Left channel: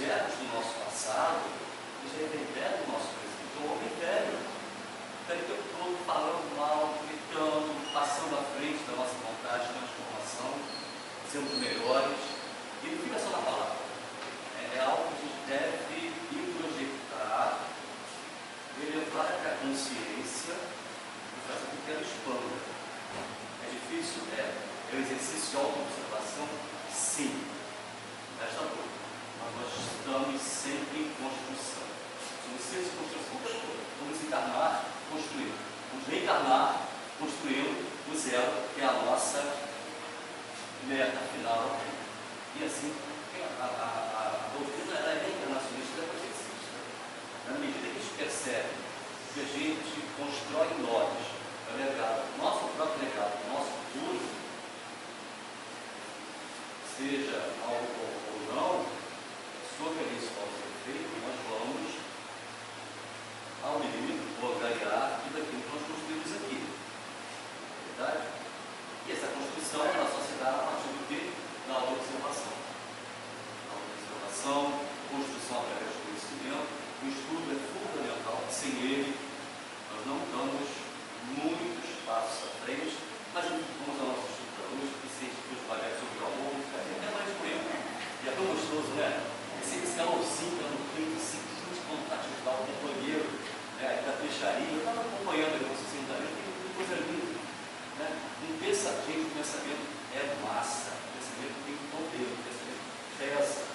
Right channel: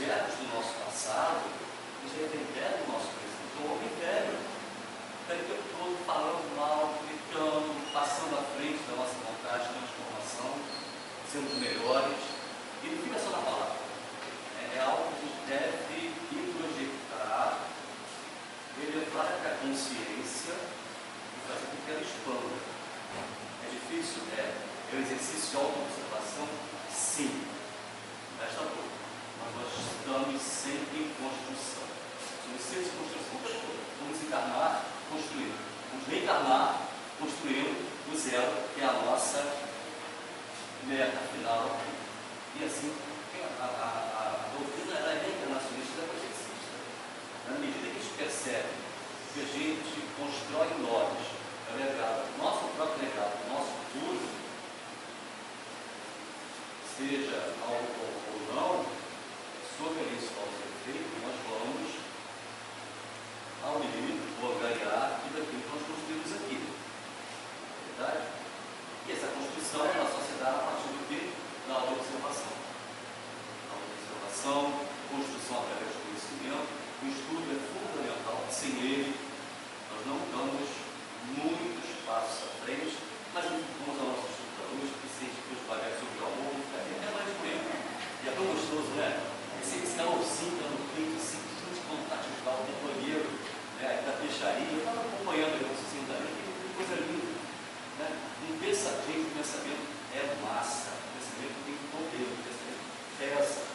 objetos do nosso passado, eles reverberam o nosso presente. O homem velho está o tempo todo falando mal, gritando, passando à frente da nossa vontade de transformação, sendo melhores, e não fica só na palavra. É algo que a gente deve introjetar, elevar para a consciência e fazer com que ela expanda. É difícil? É um exercício de auto-observação? Sim. Resta pouco. Mas nós estamos sempre em construção. Somos seres de construção o tempo todo. Vamos encarnar, construir. Vamos reencarnar, construindo o zero, que é a nossa meta final. E assim, a doutrina é reencarnacionista e progressista. Na medida que a gente percebe que a gente constrói em nós o legado, nosso próprio legado, nosso futuro, seja algo ou não, sobre isso ao ser feito, nós vamos ao limite, ou ganhar tudo aquilo que nós construímos aqui. Verdade? E essa construção ela só se dá a partir do que? Da autoobservação. Autoobservação, construção através do conhecimento, o estudo é fundamental. Sem ele, nós não damos muitos passos à frente, mas vamos ao nosso estudo da luz, que se a gente for devagar sobre o amor, não fica até mais tempo. E é tão gostoso, né? Esse calorzinho que no peito, assim, que a gente contato de o companheiro, né, da peixaria. Eu estava acompanhando a negócio assim, que coisa linda. Né? Um pensamento é massa, um pensamento tem poder, um pensamento pesa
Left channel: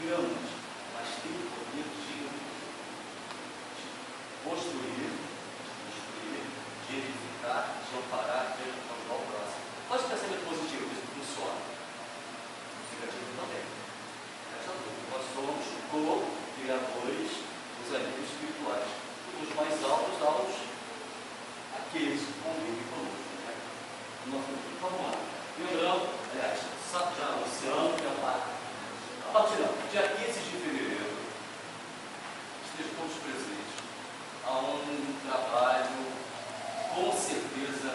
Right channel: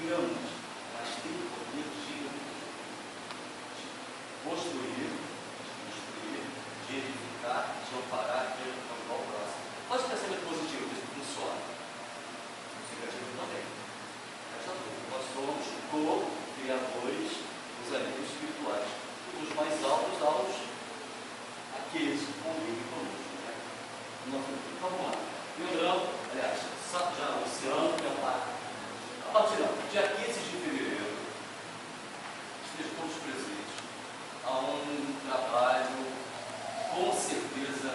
gramas, mas tem o poder de construir, de edificar, de amparar, de ajudar o próximo. Pode ser pensamento positivo, isso funciona. Negativo também. Nós somos co-criadores dos amigos espirituais. Os mais altos, aqueles que convivem conosco. Né? Então, vamos lá. Lembrando, aliás, já o oceano é um mar. A partir do dia 15 de fevereiro, estejam todos presentes a um trabalho, com certeza,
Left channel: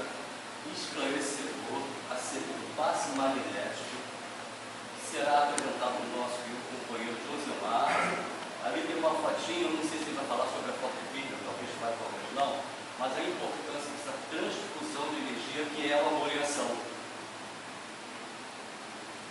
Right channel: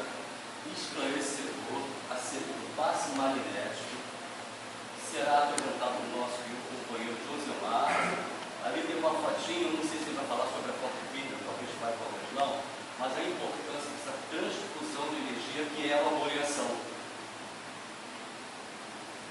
esclarecedor acerca do passe magnético, que será apresentado no nosso companheiro Josemar. Ali tem uma fotinha, eu não sei se ele vai falar sobre a foto física, talvez vai, talvez não, mas a importância dessa transfusão de energia que é a amoriação.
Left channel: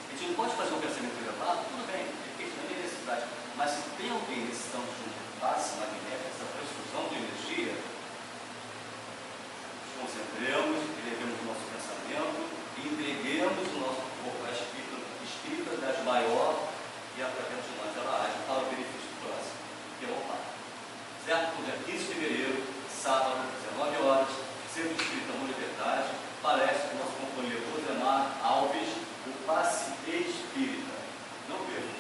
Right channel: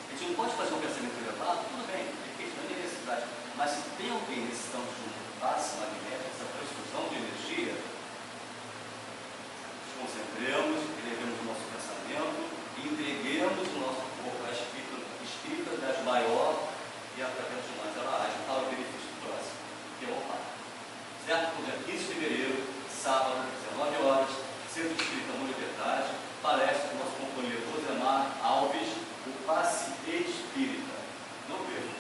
A gente não pode fazer um pensamento elevado, tudo bem, depende da necessidade, mas se tem alguém necessitando de um passe magnético, essa transfusão de energia, nos concentremos, elevemos o nosso pensamento e entreguemos o nosso corpo à espírita das maior e através de nós ela age para o benefício do próximo, que é o Pai. Certo? No dia 15 de fevereiro, sábado, 19 horas, Centro Espírita Amor e Verdade, palestra do nosso companheiro Josemar Alves, o passe espírita. Não perca.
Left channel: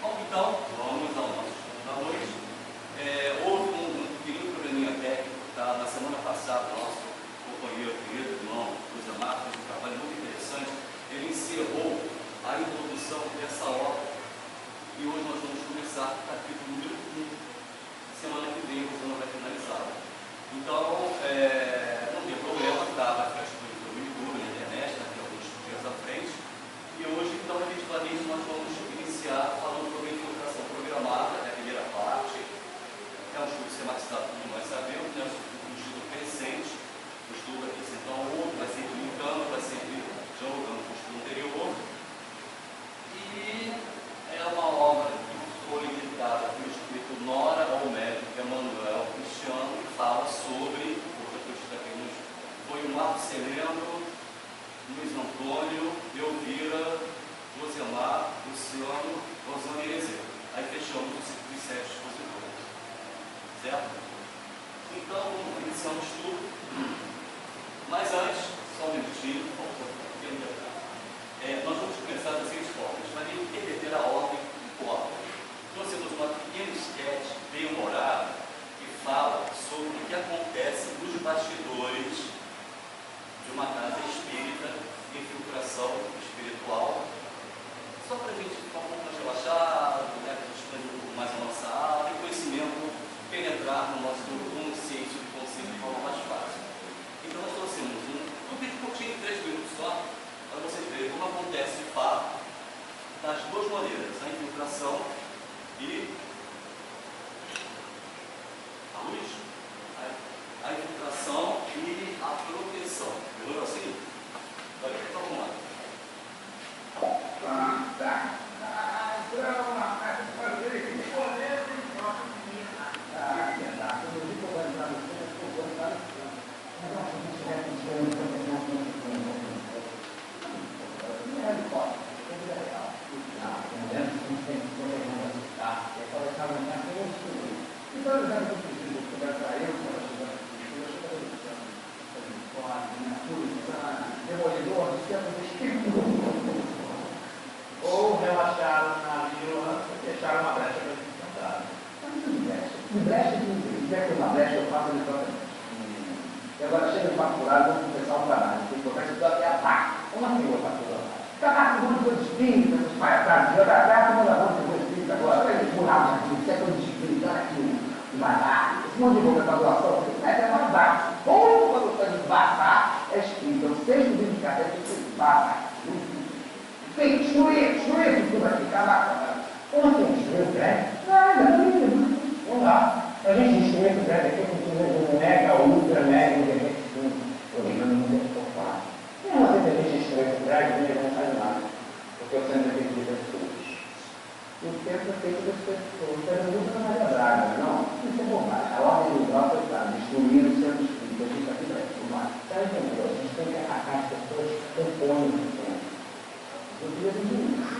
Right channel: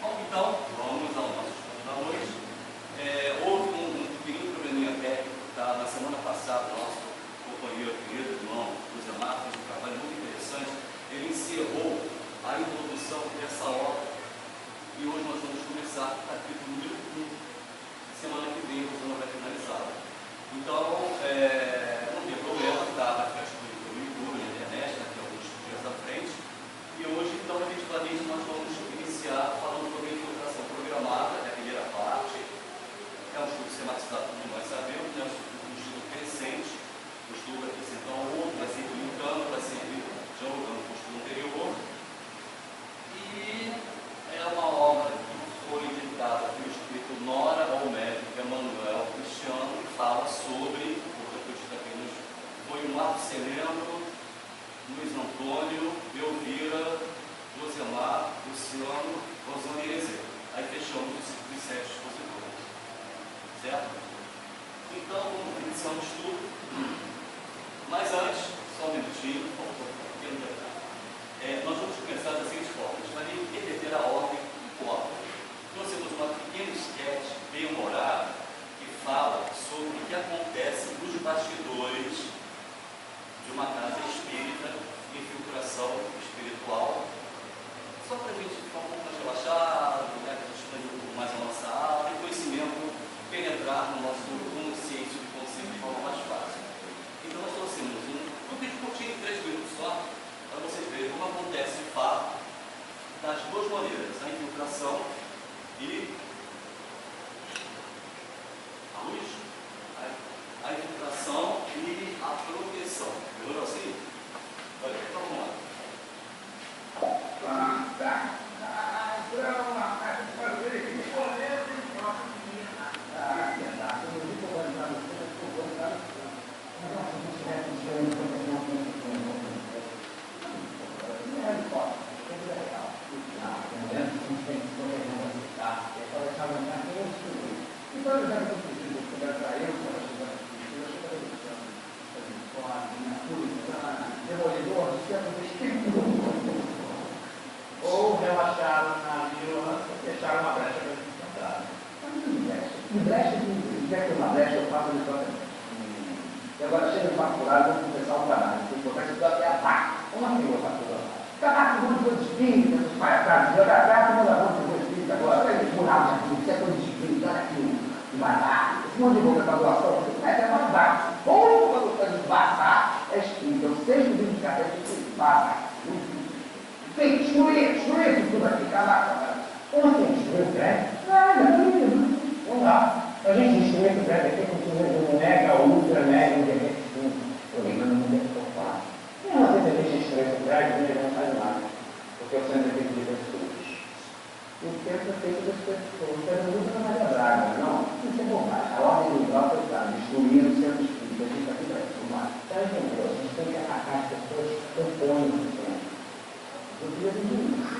Bom, então, vamos ao nosso estudo da noite. Houve um pequeno probleminha técnico, tá? Na semana passada, o nosso companheiro, querido irmão Josemar, fez um trabalho muito interessante. Ele encerrou a introdução dessa obra e hoje nós vamos começar o capítulo número 1. Semana que vem, o vai finalizar. Então, não tem problema, tá? Vai ficar disponível no YouTube, na internet, daqui a alguns dias à frente. E hoje, então, efetivamente, nós vamos iniciar falando sobre a infiltração programada, da primeira parte. É um estudo sistematizado, como nós sabemos, né? Um estudo crescente. O estudo aqui, então, o outro vai sempre linkando, vai sempre dialogando com o estudo anterior. E é uma obra que foi editada pelo escritor Nora Olmedo, Emanuel Cristiano, que fala sobre, portanto, eu estou aqui quer ter uma brecha, eu faço exatamente. E agora chega de maculado, vamos começar o trabalho. Tem que botar isso até a pá. Como assim botar tudo a pá? Caraca, um monte de coisa espírita, os palhaçados, jogar atrás, manda a de coisa espírita agora. Olha eles mudaram aqui, isso é coisa de espírita, olha aqui o barato. Esse monte de boca para doação, você começa a mais baixo. Ou quando você embaçar, é espírita. O sexto vídeo de cadeia, você embaça. Tem que destruir tudo aqui, caraca. Como assim destruir o prédio? Não dá. A gente destruir o prédio aqui com um mega, ultra, mega, internet, eu não tem que topar. E uma vez a gente destruir o prédio, a gente não faz nada. Porque o centro é feito de pessoas. O centro é feito das pessoas. Você não usa na Maria Braga, não. Isso é bobagem. A ordem do grau foi para destruir o centro espírita. A gente está aqui para filmar. Você entendeu? A gente tem que atacar as pessoas que compõem o centro. Eu queria dizer isso.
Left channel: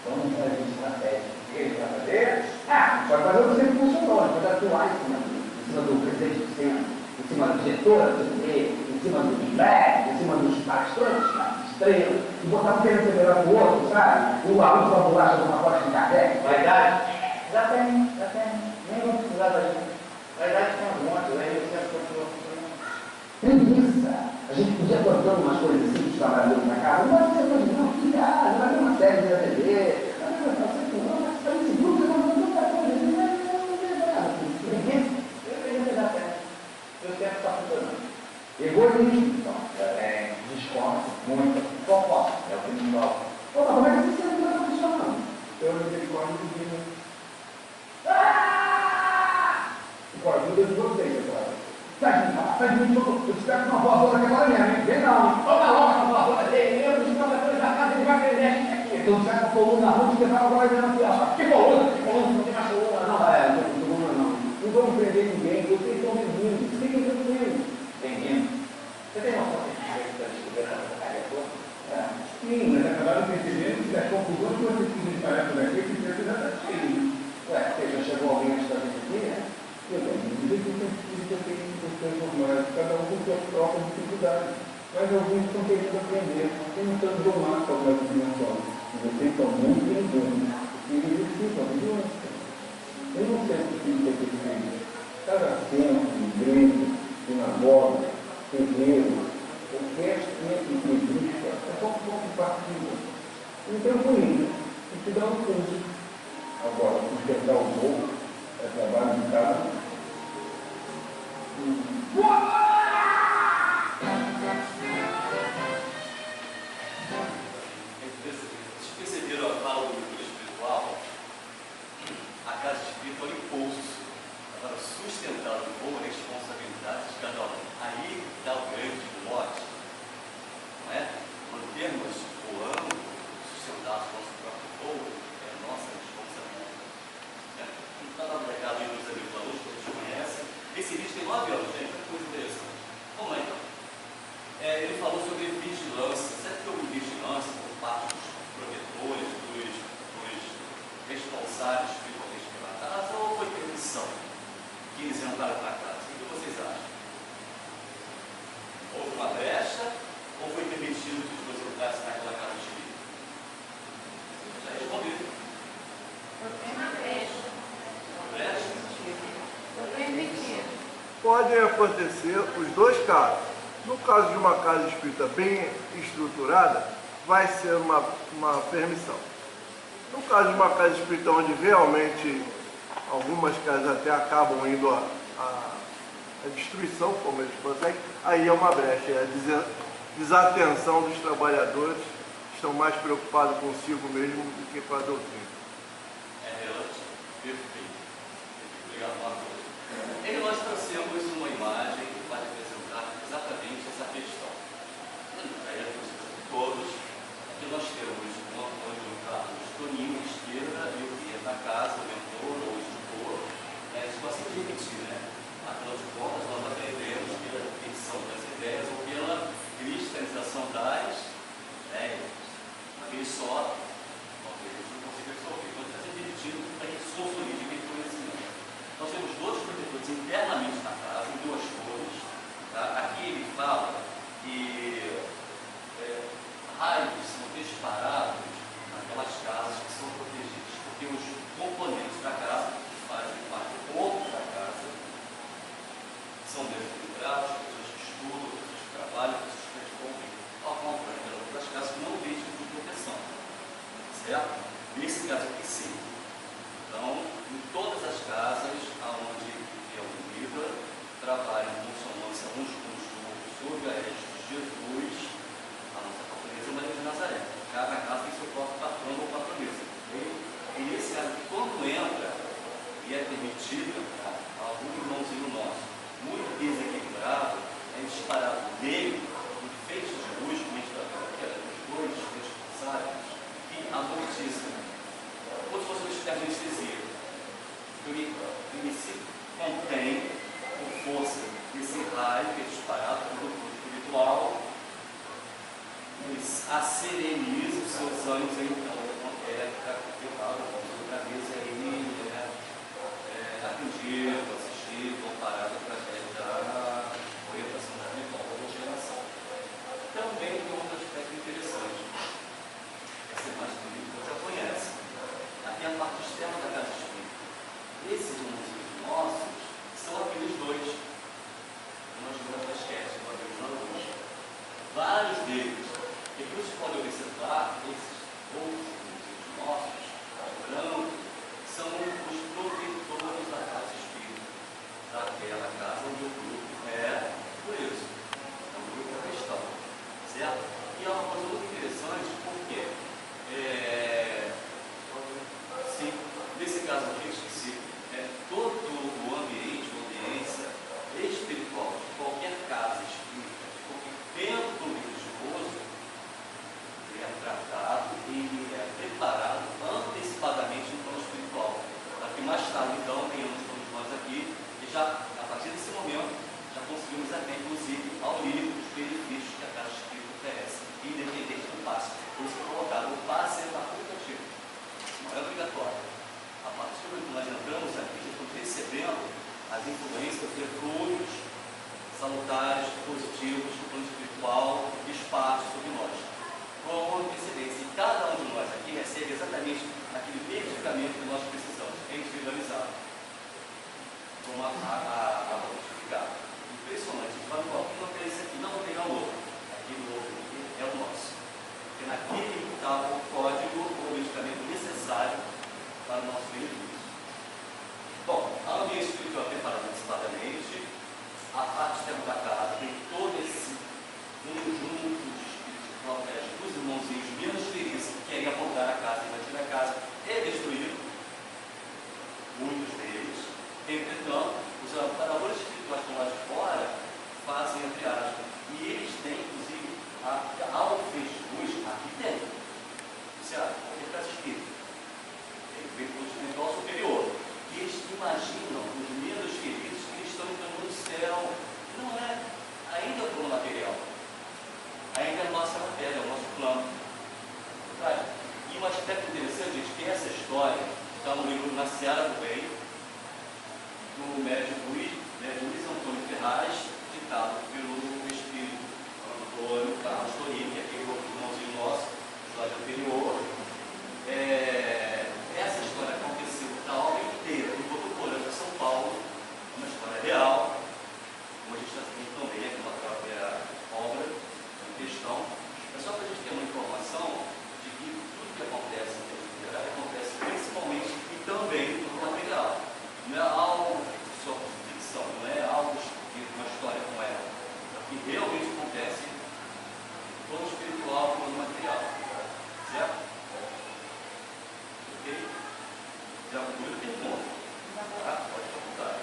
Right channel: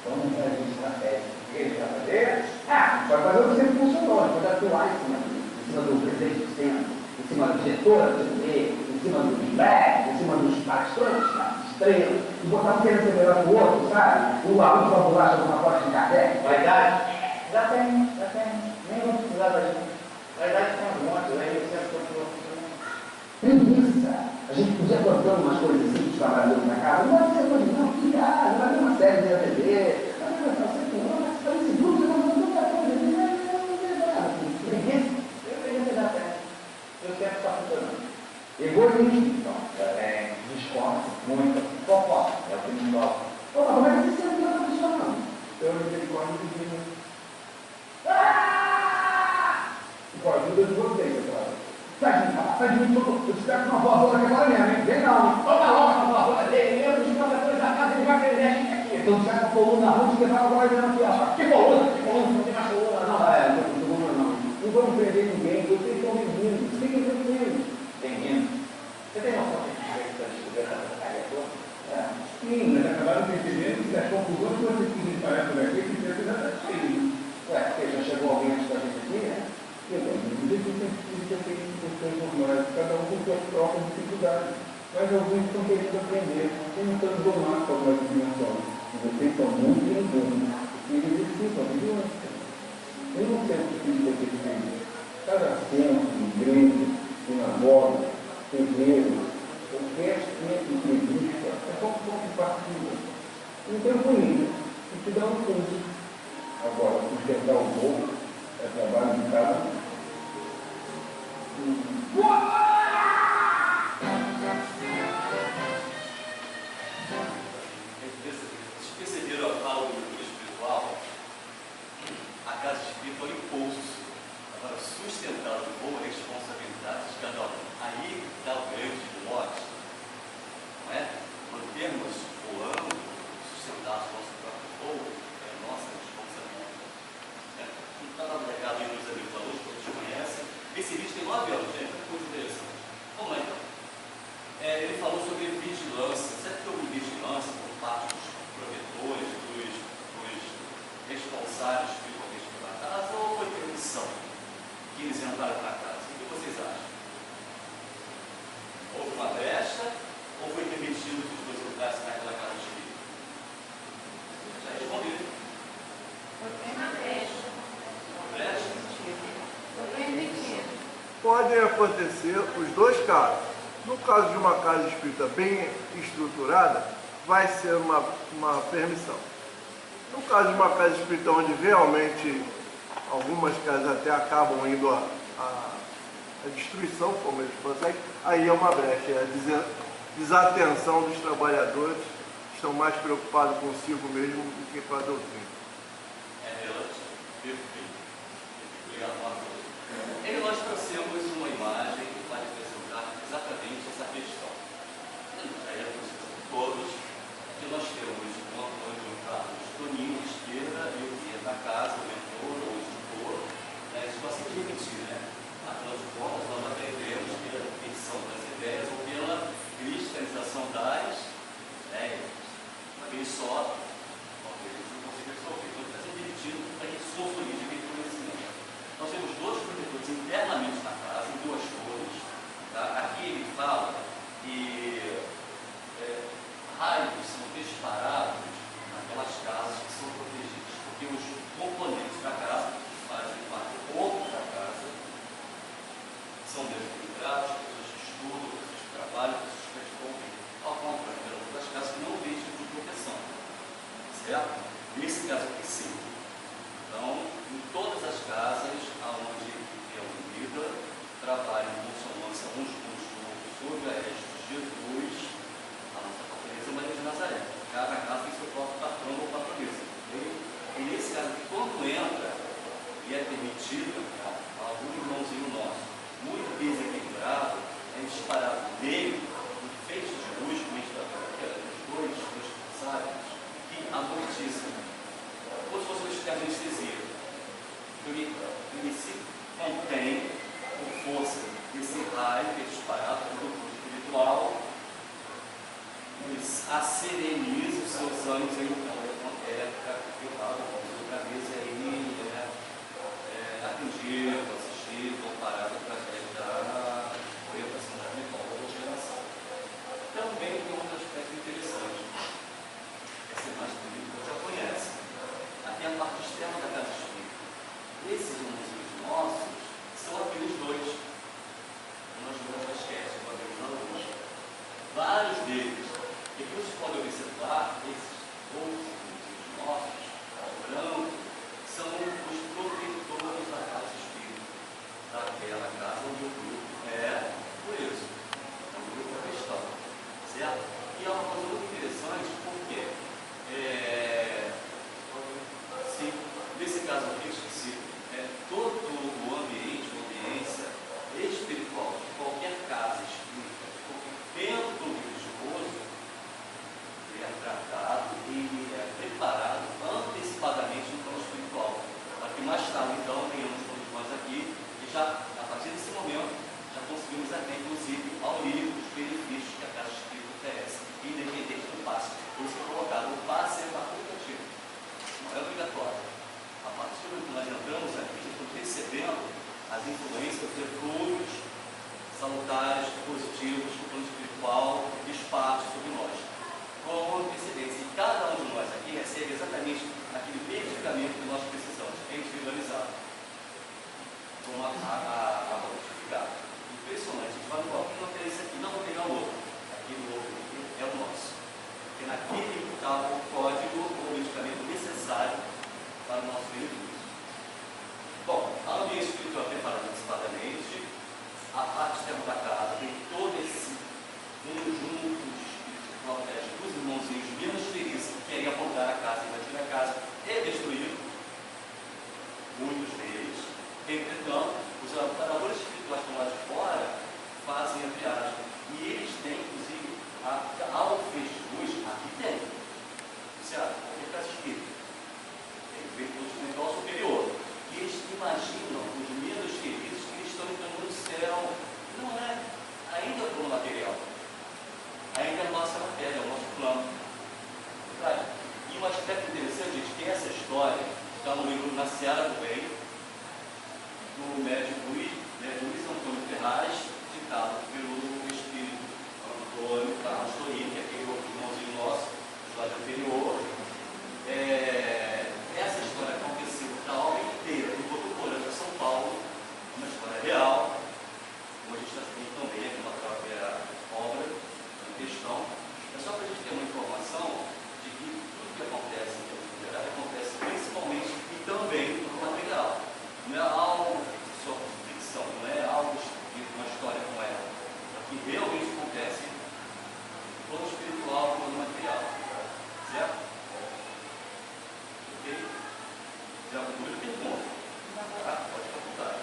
Vamos fazer estratégia. O que ele vai fazer? Pode fazer o que sempre funcionou. Pode atuar em cima do presidente do centro, em cima do diretor, em cima dos médicos, em cima dos palestrantes, estrelas, e botar um querendo ser melhor que o outro, sabe? O aluno vai pular sobre uma porta de Kardec. Vaidade? Já tem. Nem vou precisar da gente. Vaidade tem um monte, aí o centro continua funcionando. Preguiça. A gente podia contando umas coisas assim dos trabalhadores na casa, não vai ser coisa não, que vai ter uma série de ATV, vai ter uma série de grupos, vai ter muita coisa, preguiça, eu queria ter dado certo. Eu sempre está funcionando. Egoísmo, então, desconto, muito, fofoca, é o que me toca. Pô, mas como é que esse sempre está funcionando? Eu misericórdia de Deus. Com a ajuda de vocês, agora. Sai de mim, eu espero que uma voadora aqui agora mesmo, hein? Vem não, toma logo essa voadora dele, eu dos trabalhadores da casa, ele vai querer a gente aqui. Então, sai com a coluna na rua, que vai agora vendo aqui, ó. Que coluna, não tem mais coluna, não. Não vamos perder ninguém, vocês estão vindo, fiquem tranquilos. Bem-vindo. Você tem noção que a gente vai descobrir essa área toda? Sim, mas acabaram percebendo que as conclusões que vocês quisem parar por aqui, que você já está cheio. Ué, porque já chegou alguém antes da gente aqui, né? Cada um com suas próprias dificuldades, mas alguns estão querendo aprender, tentando domar algumas dimensões. E vocês são muito bem-vindos, porque eles precisam de doença. Eu não sei o que é perfeito. Cada centro, igreja, sinagoga, terreiro, qualquer centro que exista, é só um ponto de partida. Então, com isso, a gente dá um curso. Agora, sustentar o povo é trabalho de cada um. Vocês perceberam a fala do grupo espiritual? A casa espírita é um impulso. Agora, sustentar o povo é responsabilidade de cada um. Aí dá o grande mote, não é? Mantermos o âmbito, sustentar o nosso próprio povo, é a nossa responsabilidade. Não está lá no recado aí dos amigos alunos, todos conhecem. Esse vídeo tem 9 anos, gente, é coisa interessante. Vamos lá então. Ele falou sobre vigilância. Sabe que houve vigilância por parte dos protetores, dos responsáveis espiritualmente pela casa, ou foi permissão que eles entraram para casa? O que vocês acham? Houve uma brecha ou foi permitido que os dois entrassem naquela casa espírita? Já responderam. Foi uma brecha. Uma brecha? Podem acontecer os dois casos. No caso de uma casa espírita bem estruturada, vai ser uma permissão. No caso de uma casa espírita onde realmente algumas casas até acabam indo à destruição, como eles conseguem, aí é uma brecha, é a desatenção dos trabalhadores, que estão mais preocupados consigo mesmo do que com a doutrina. É relativo. Perfeito. Obrigado, Marcos. Nós trouxemos uma imagem que pode apresentar exatamente essa questão. Aí é possível todos, que nós temos um Antônio Carlos Toninho à esquerda e o que é da casa, o mentor ou o instrutor, isso vai se repetir, né? Afinal de contas, nós aprendemos pela repetição das ideias ou pela cristalização das ideias. Aquele só, talvez a gente não consiga resolver. Então, está se repetindo para que isso consolide aquele conhecimento. Nós temos dois protetores internamente na casa, em duas torres. Tá? Aqui ele fala que raios são disparados naquelas casas que são protegidas, porque os componentes da casa certo? Nesse caso aqui, sim. Então, em todas as casas onde é unida, trabalham em consonância uns com os outros, sob a égide de Jesus, a nossa patronesa Maria de Nazaré. Cada casa tem seu próprio patrão ou patronesa. E nesse caso aqui, quando entra e é permitido entrar algum irmãozinho nosso muito desequilibrado, é disparado nele um feixe de luz, como a gente está vendo aqui, os dois responsáveis, que amortizam, como se fosse uma espécie de anestesia. Ele se contém por força desse raio que é disparado pelo grupo espiritual, acereniza os seus ânimos, então é capturado, outra vez aí atendido, assistido, comparado através da orientação espiritual da geração. Também tem um outro aspecto interessante. Essa imagem que você já conhece. Aqui a parte externa da casa espírita. Esses irmãozinhos nossos são aqueles dois. Nós vemos na esquete, uma vez na luz. Vários deles. E que você pode observar, esses outros irmãozinhos nossos, brancos, são os protetores da casa espírita, daquela casa onde o grupo é preso. Então, o grupo é cristão, certo? E é uma coisa muito interessante, porque, sim, nesse caso aqui, eu esqueci, todo o ambiente, a ambiência espiritual de qualquer casa espírita, de qualquer templo religioso, ele é tratado e é preparado antecipadamente no plano espiritual, para que mais tarde, então, tenhamos todos nós aqui, e já, a partir desse momento, já conseguimos até, inclusive, ao lírico dos benefícios que a casa espírita oferece, independente do passe. Por isso que é colocado, o passe é facultativo, não é obrigatório. A partir do momento que nós entramos aqui, já estamos recebendo as influências, os eflúvios salutares, positivos do plano espiritual, disparsos sobre nós. Com antecedência, e cada um de nós aqui recebe exatamente aquele medicamento que nós precisamos, individualizado, como a notificada. Impressionante, a gente vai no bloco, não tem esse aqui, não vou pegar o outro. Aquele outro aqui é o nosso. Porque naquele está o código ou o medicamento necessário para o nosso benefício. Bom, a ambiente espiritual é preparada antecipadamente, a parte externa da casa tem todo esse conjunto de espíritos que protege os irmãozinhos menos felizes que querem apontar a casa, invadir a casa e destruir muitos deles. Entretanto, os amparadores espirituais que estão lá de fora fazem entre aspas, e eles têm, inclusive, ao feixe de luz, aqui tem. Você acha? Qualquer casa espírita. Tem o feixe espiritual superior. E eles imaginam os menos queridos que eles estão entrando no céu. Não é ainda o plano material. Ainda é a nossa matéria, é o nosso plano. E um aspecto interessante, gente, que essa história está no livro Na Seara do Bem, do médico Luiz Antônio Ferraz, ditado pelo espírito Antônio Carlos Torini, que é aquele irmãozinho nosso, do slide anterior. Essa história aconteceu na obra inteira, em Botuporanga, São Paulo, uma história real, como a gente está vendo também aqui na própria obra em questão. É só para a gente ter uma informação de que tudo que acontece em termos literários acontece principalmente e também no material. Não é algo só de ficção, não é algo escrito, uma história como ela. O que realmente acontece no plano espiritual e no material. Certo? Ok? Já concluiu o pergunta? Tá? Pode perguntar.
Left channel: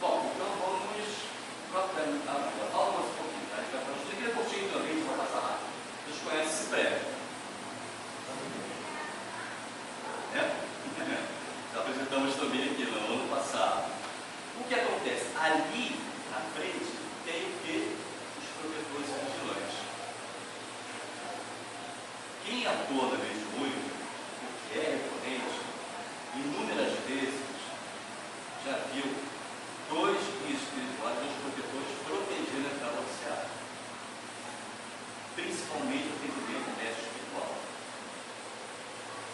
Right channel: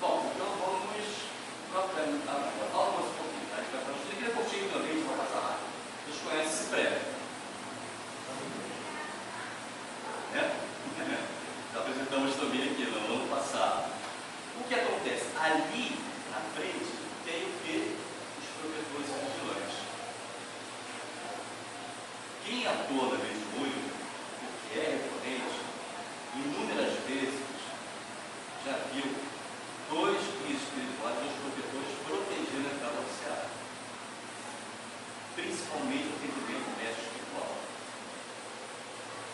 Bom, então vamos agora. Fala mais um pouquinho, tá? A gente vai para o estudo. É curtinho também, a gente vai passar rápido. Vocês conhecem esse prédio? Já apresentamos também aqui no ano passado. O que acontece? Ali na frente tem o que? Os protetores vigilantes. Quem atua na vez de olho, o que é recorrente, inúmeras vezes já viu dois guias espirituais, dois protetores protegendo a casa oficial. Principalmente o atendimento médico espiritual.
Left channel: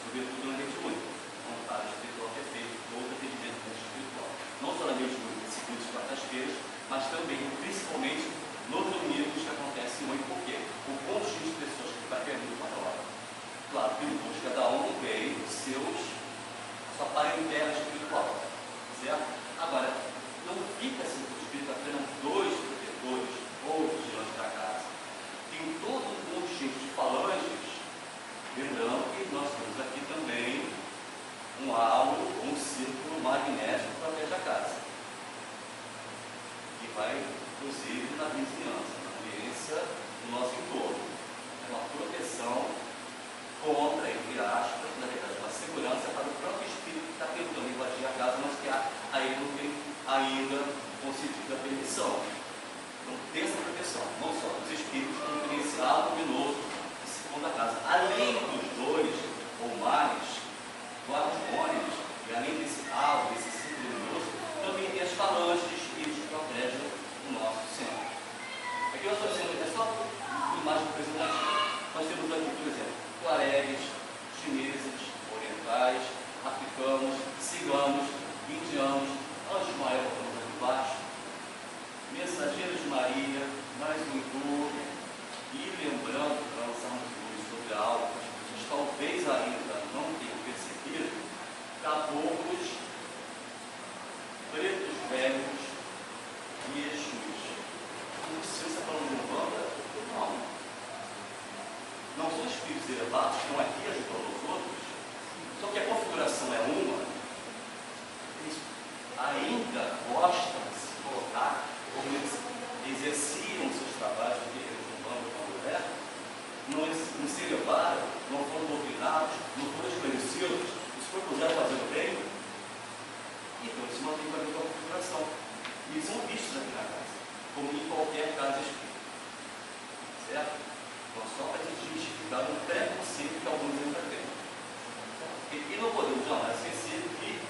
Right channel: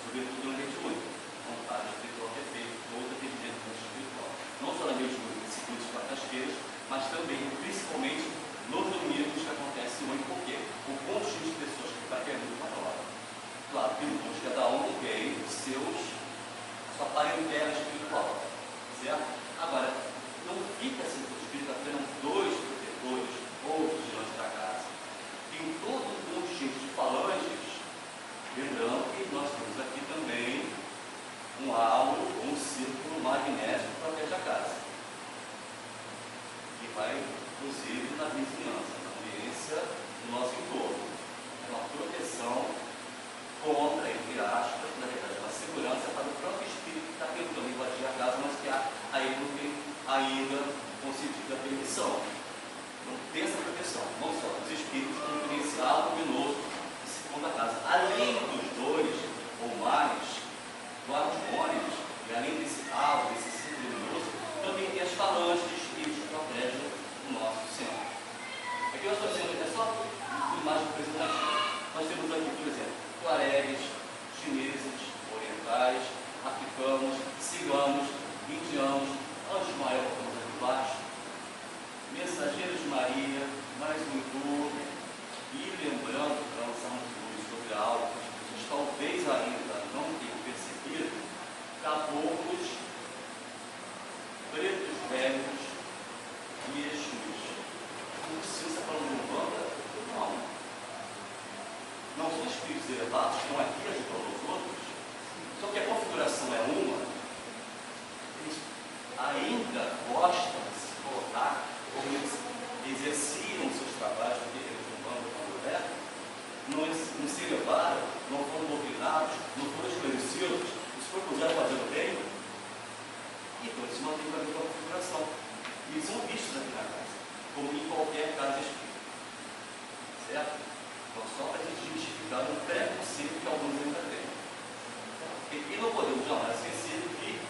Sobretudo na vez de olho. Vontade espiritual que é feito todo atendimento espiritual. Não só na vez de olho, segundas e quartas-feiras, mas também, principalmente, nos domingos que acontece hoje, porque o conjunto de pessoas que vai ter muito maior. Claro que no curso cada bem sua parentela espiritual, certo? Agora, não fica assim, o espírito apenas dois protetores ou vigilantes da casa. Tem todo um conjunto de falanges, lembrando que nós temos aqui também um halo, um círculo magnético que protege a casa, que vai, inclusive, na vizinhança, na ambiência do nosso entorno. É uma proteção contra, entre aspas, na verdade, uma segurança para o próprio espírito que está tentando invadir a casa, mas que aí não tem ainda concedida a permissão. Então, tem essa proteção, não só dos espíritos, como do inicial luminoso que circunda a casa. Além dos dois ou mais guardiões, e além desse halo, desse círculo luminoso, também tem as falanges de espíritos que protegem o nosso centro. Aqui nós fazemos, é só uma imagem representativa. Nós temos aqui, por exemplo, tuaregues, chineses, orientais, africanos, ciganos, indianos, anjos maiores, como aqui embaixo, mensageiros de Maria, mais um hindu, e lembrando, para lançarmos luz sobre algo que as pessoas talvez ainda não tenham percebido, caboclos, pretos velhos e exus. Não precisa falar de Umbanda? Não. Não são espíritos elevados que estão aqui ajudando os outros, só que a configuração é uma, eles ainda gostam de se colocar como eles exerciam seus trabalhos no terreiro de Umbanda quando é, não se elevaram, não foram doutrinados, não foram esclarecidos, se propuseram fazer o bem, então eles mantêm a mesma configuração. E eles são vistos aqui na casa, como em qualquer casa espírita. Certo? Então, só para a gente justificar um preconceito que alguns ainda têm. E não podemos jamais esquecer que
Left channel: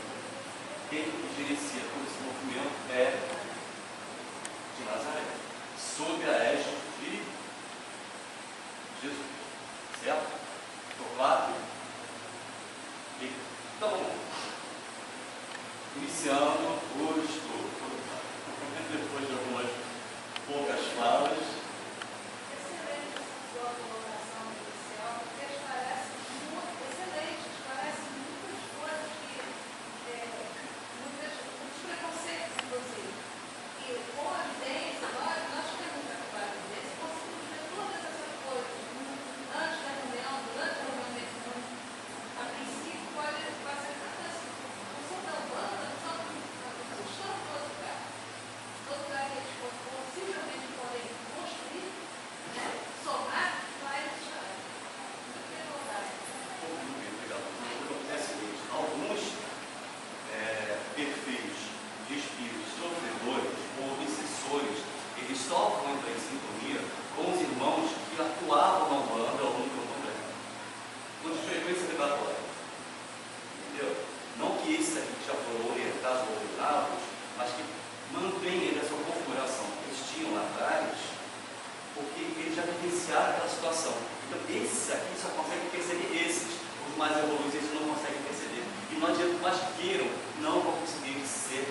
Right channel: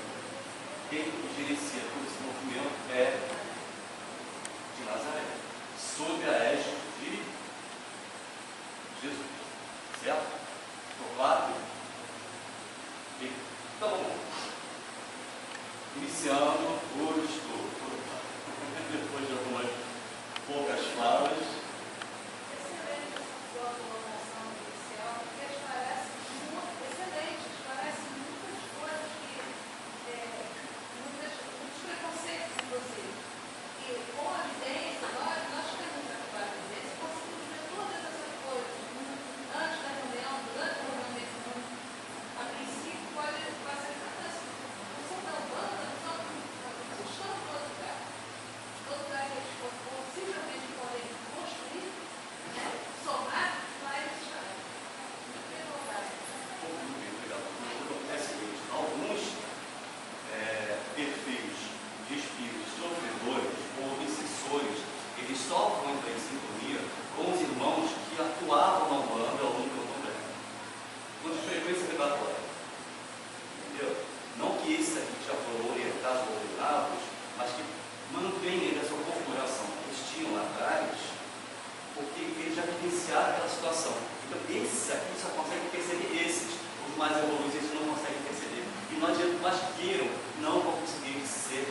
quem gerencia todo esse movimento é de Nazaré, sob a égide de Jesus. Certo? Ficou claro? Então, iniciando o estudo. Depois de algumas poucas falas. Excelente sua colocação inicial, porque esclarece muito, excelente, esclarece muitas coisas muitos preconceitos, inclusive. E com a evidência, nós temos a clara evidência, conseguimos ver todas essas coisas antes da reunião, durante a reunião mediúnica. A princípio, vai ser tanto assim. Não são da Umbanda, não estão em todo lugar. Todo lugar que eles possivelmente podem construir, né, somar, vai estar. Muito bem colocado. Muito bem, obrigado. Acontece o seguinte, alguns perfis de espíritos sofredores ou obsessores, eles só vão entrar em sintonia com os irmãos que atuavam na Umbanda ao longo do tempo, com frequência vibratória. Entendeu? Não que esses aqui já foram orientados ou orientados, mas que mantêm essa configuração que eles tinham lá atrás, porque eles já vivenciaram aquela situação. Então, esses aqui só conseguem perceber esses. Os mais evoluídos, eles não conseguem perceber. E não adianta mais queiram, não vão conseguir ser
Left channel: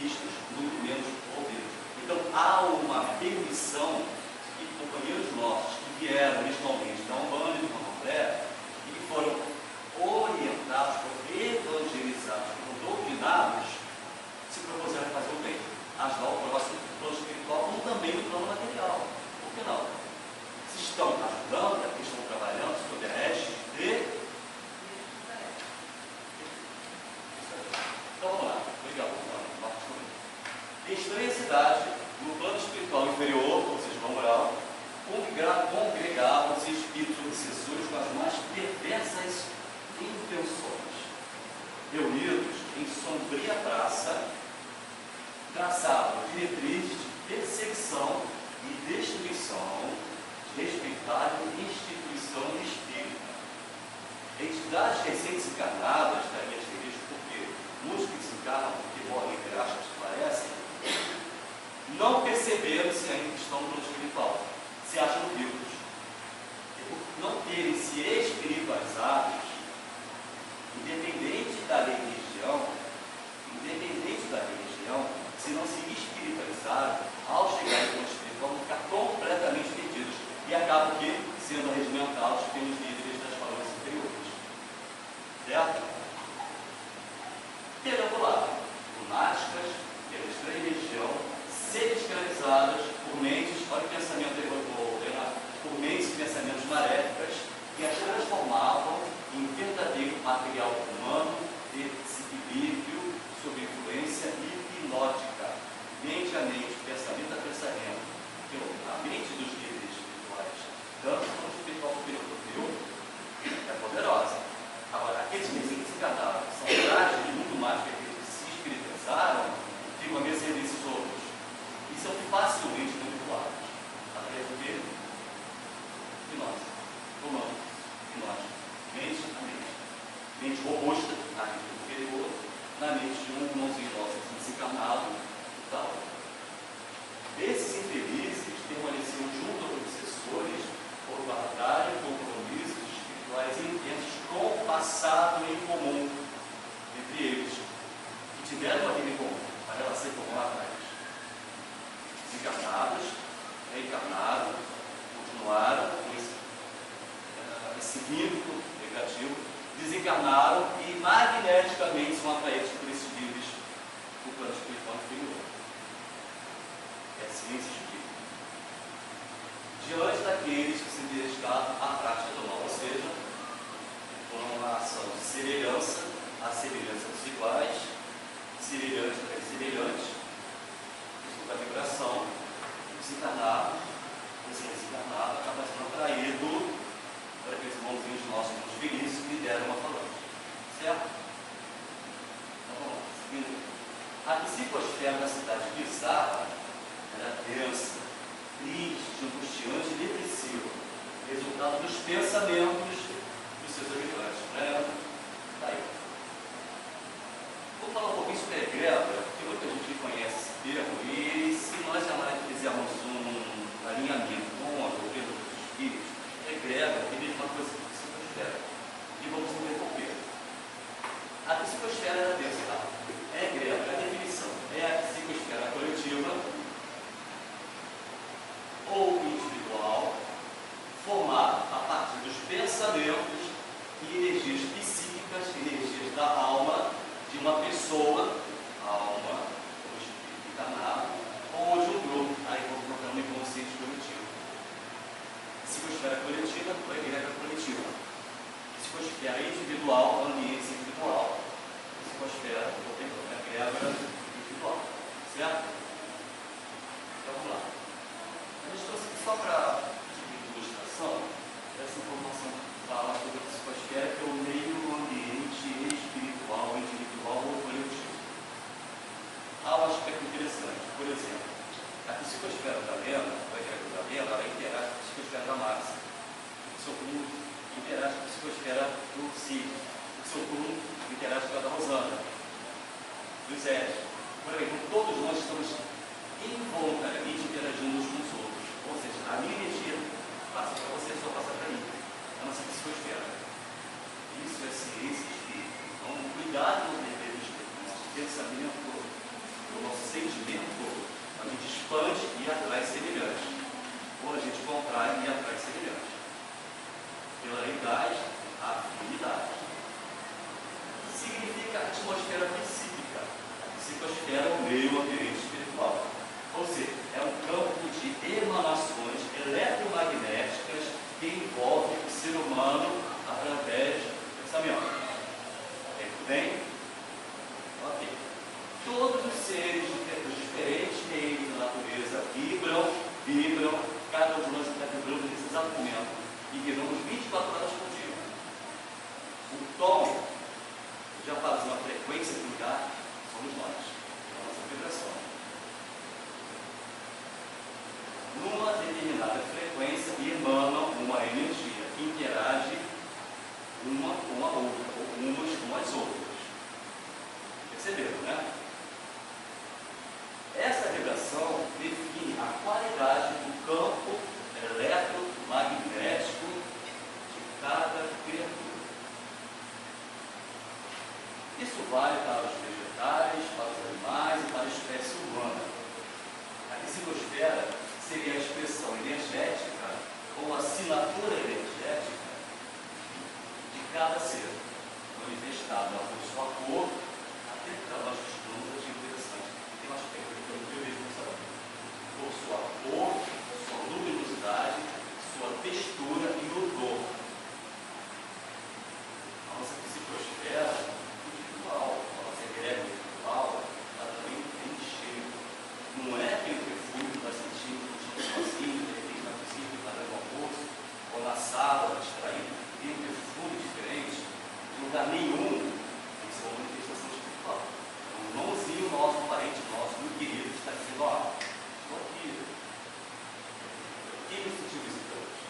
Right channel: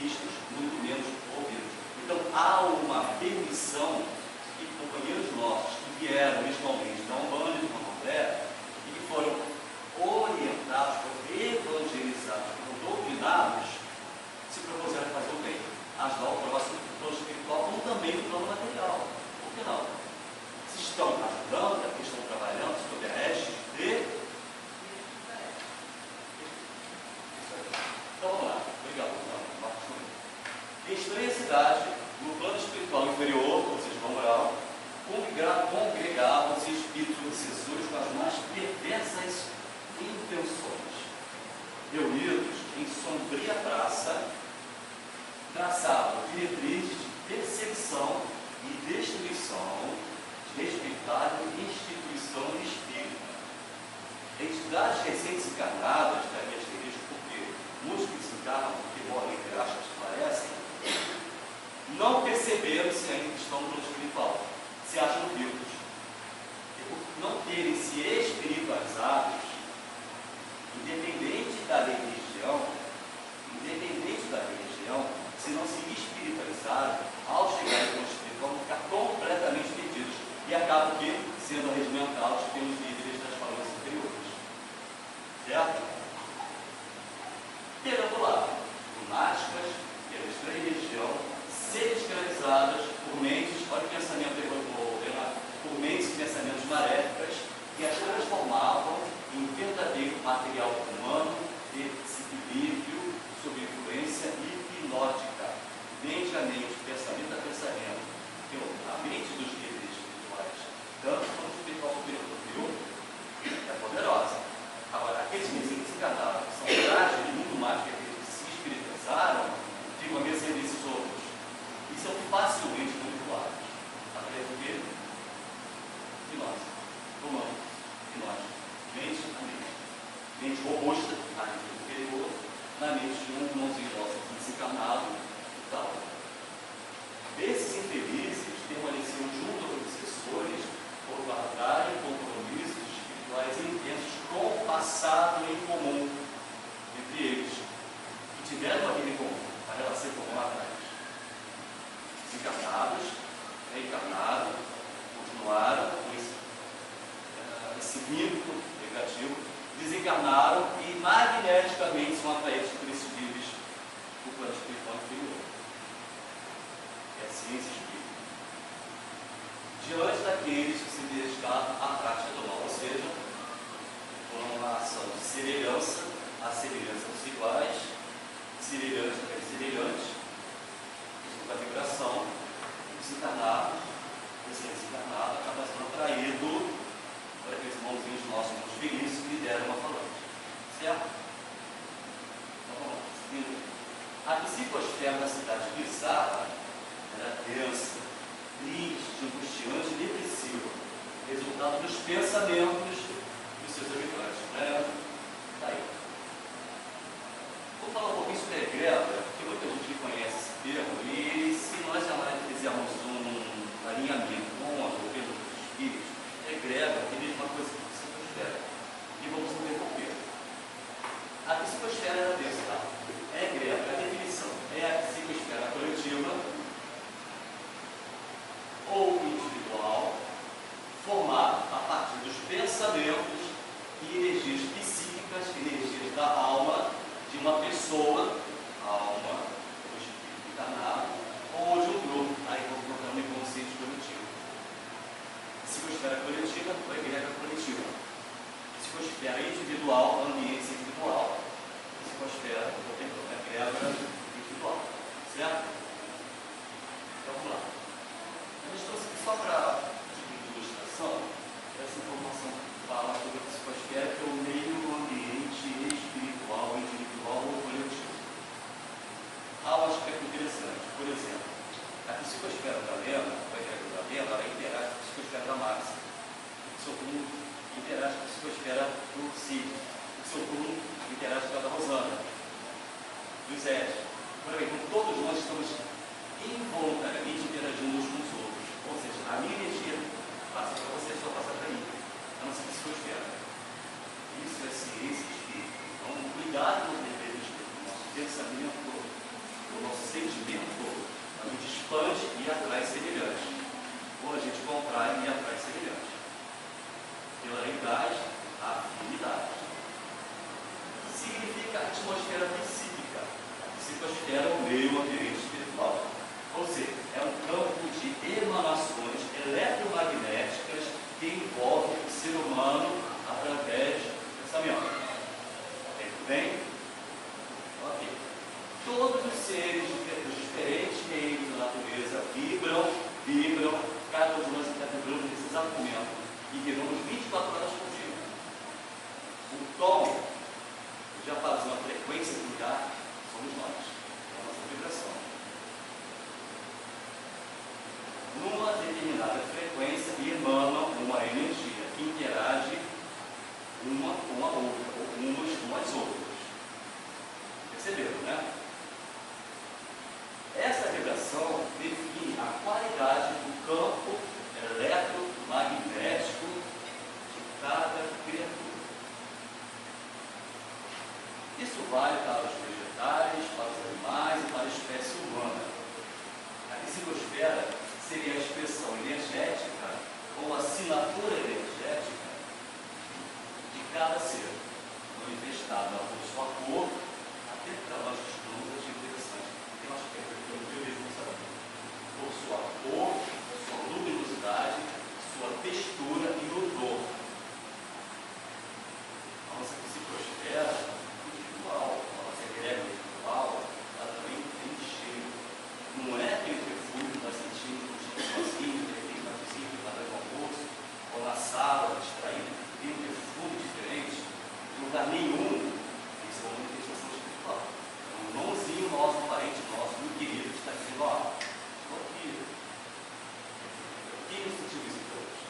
vistos, muito menos ouvidos. Então, há uma permissão que companheiros nossos que vieram originalmente da Umbanda e do Candomblé e que foram orientados, foram evangelizados, foram doutrinados, se propuseram fazer o bem, ajudar o próximo no plano espiritual, como também no plano material. Por que não? Se estão ajudando, é porque estão trabalhando sob a égide de... Então vamos lá, obrigado. Estranha cidade, no plano espiritual inferior, ou seja, no moral, congregavam-se espíritos obsessores com as mais perversas intenções. Reunidos em sombria praça, traçavam diretrizes de perseguição e destruição de respeitável instituição espírita. Entidades recentes encarnadas, daí asterisco, porque muitos que desencarnam, porque morrem entre aspas, parecem, não perceberam se ainda estão no plano espiritual, se acham vivos. E por não terem se espiritualizados, independente da religião, se não se espiritualizarem, ao chegar no plano espiritual, vão ficar completamente perdidos. E acabam que, sendo arregimentados pelos líderes das falanges inferiores. certo? Pelo outro lado, lunáticas, pela estranha religião, semi-escravizadas por mentes, olha o pensamento por mentes e pensamentos maléficas, que as transformavam em verdadeiro material humano de desequilíbrio sob influência hipnótica, mente a mente, pensamento a pensamento. A mente dos líderes espirituais, tanto no espiritual superior, é poderosa. Agora, aqueles que se desencarnaram, que são frágeis, muito mais que aqueles que se espiritualizaram, ficam a mercê desses outros. E são facilmente manipulados. Através do quê? De nós. Humanos. De nós. Mente a mente. Mente robusta, a mente superior, na mente de um irmãozinho nosso desencarnado e tal. Esses infelizes permaneciam junto aos obsessores por guardarem compromissos espirituais intensos com o passado em comum entre eles, que tiveram a vida em comum, a relação em comum atrás. Desencarnados, reencarnaram, continuaram com esse vínculo negativo, desencarnaram e magneticamente são atraídos por esses líderes do plano espiritual inferior. É a ciência espírita. Diante daqueles que se dedicaram à prática do mal, ou seja, por uma ação de semelhança, a semelhança dos iguais, semelhante para semelhante, isso é a vibração, desencarnado, esse desencarnado acaba sendo atraído por aqueles irmãozinhos nossos, irmãos felizes, que lideram uma falange. Certo? Então vamos lá, seguindo. A psicosfera da cidade de Sara era densa, triste, angustiante e depressiva, resultado dos pensamentos dos seus habitantes. Tá aí. Vou falar um pouquinho sobre a egrégora, porque muita gente conhece esse termo, e se nós fizermos um alinhamento com a doutrina dos espíritos, egrégora tem uma coisa que psicosfera. E vamos ver por quê. A psicosfera era densa, tá? É egrégora, a definição é a psicosfera coletiva ou individual, formada a partir dos pensamentos e energias psíquicas, energias da alma de uma pessoa, alma, ou espírito encarnado, ou de um grupo. Aí vou colocar no inconsciente coletivo. Psicosfera coletiva ou egrégora coletiva. Psicosfera individual, ambiente individual. Psicosfera, egrégora individual. Certo? Então vamos lá. A gente trouxe aqui só para ilustração, essa informação que fala sobre a psicosfera, que é o meio ambiente espiritual, individual ou coletivo. Há um aspecto interessante. Por exemplo, a psicosfera da lenda, a egrégora da lenda, ela interage com a psicosfera da massa. O seu turno interage com a psicosfera do Cid. O seu turno interage com a da Rosana, do Zé. Por aí, então, todos nós estamos involuntariamente interagindo uns com os outros. Ou seja, a minha energia passa para você, só passa para mim. A nossa psicosfera. Isso é ciência espírita. Então, cuidado nos deveres do nosso pensamento, do nosso sentimento. A gente expande e atrai semelhantes. Ou a gente contrai e atrai semelhantes. Pela realidade, a afinidade. Significa atmosfera psíquica. A psicosfera é o meio ambiente espiritual. Ou seja, é um campo de emanações eletromagnéticas que envolve o ser humano através do pensamento. Tudo bem? Ok. Todos os seres dos diferentes reinos da natureza vibram, cada um de nós está vibrando nesse exato momento, e vibramos 24 horas por dia. O tom, já faz uma frequência do lugar, somos nós, é a nossa vibração. Numa determinada frequência emana uma energia que interage uma com a outra, ou umas com as outras. Perceberam, né? Essa vibração define a qualidade do campo eletromagnético de cada criatura. Isso vale para os vegetais, para os animais e para a espécie humana. A psicosfera seria a expressão energética ou assinatura energética de cada ser no manifestado por sua cor, até para nós que estudamos é interessante. Tem um aspecto que eu vejo no salão. Por sua cor, sua luminosidade, sua textura e odor. A nossa psicosfera espiritual, a nossa egrégora espiritual, ela também tem cheiro. Não é aquele perfume que nós sentimos no dia sozinho, de repente na cozinha, na hora do almoço, ou na sala, distraído. Tem um perfume diferente. Em lugar nenhum, isso é uma manifestação espiritual. Um irmãozinho nosso, um parente nosso, muito querido, está dizendo: ó, estou aqui. Quem nos sentiu visitante?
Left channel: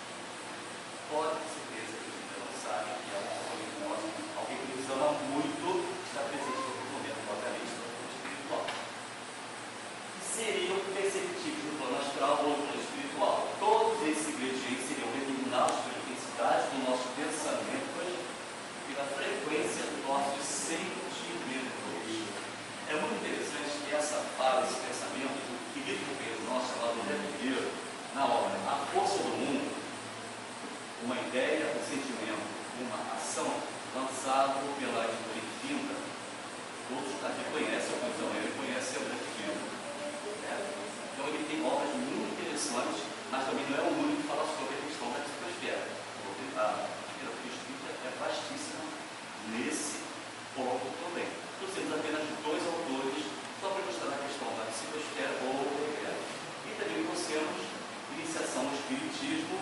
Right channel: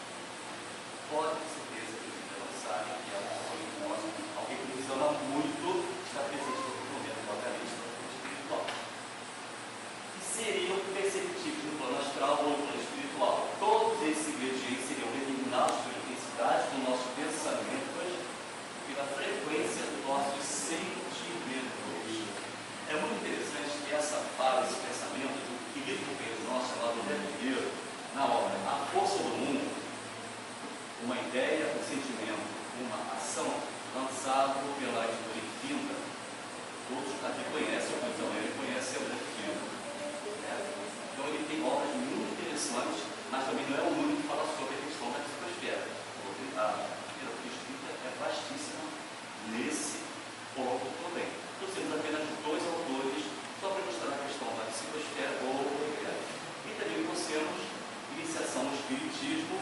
Pode ter certeza que você não sabe que é um amigo nosso, alguém que nos ama muito, está presente no momento, obviamente, no plano espiritual. E seriam perceptíveis no plano astral ou no plano espiritual. Todos esses ingredientes seriam determinados pela intensidade do nosso pensamento e da frequência dos nossos sentimentos. É muito interessante que essa fala, esse pensamento, do querido companheiro nosso chamado André Pinheiro, na obra A Força do Mundo, uma ideia, um sentimento, uma ação, lançado pela editora Infinda. Todos aqui conhecem, ou então ele conhece André Pinheiro. Então ele tem obras muito interessantes, mas também não é o único que fala sobre a questão da psicosfera. Vou tentar, a escrita é vastíssima nesse ponto também. Trouxemos apenas dois autores só para mostrar a questão da psicosfera ou e também trouxemos Iniciação no Espiritismo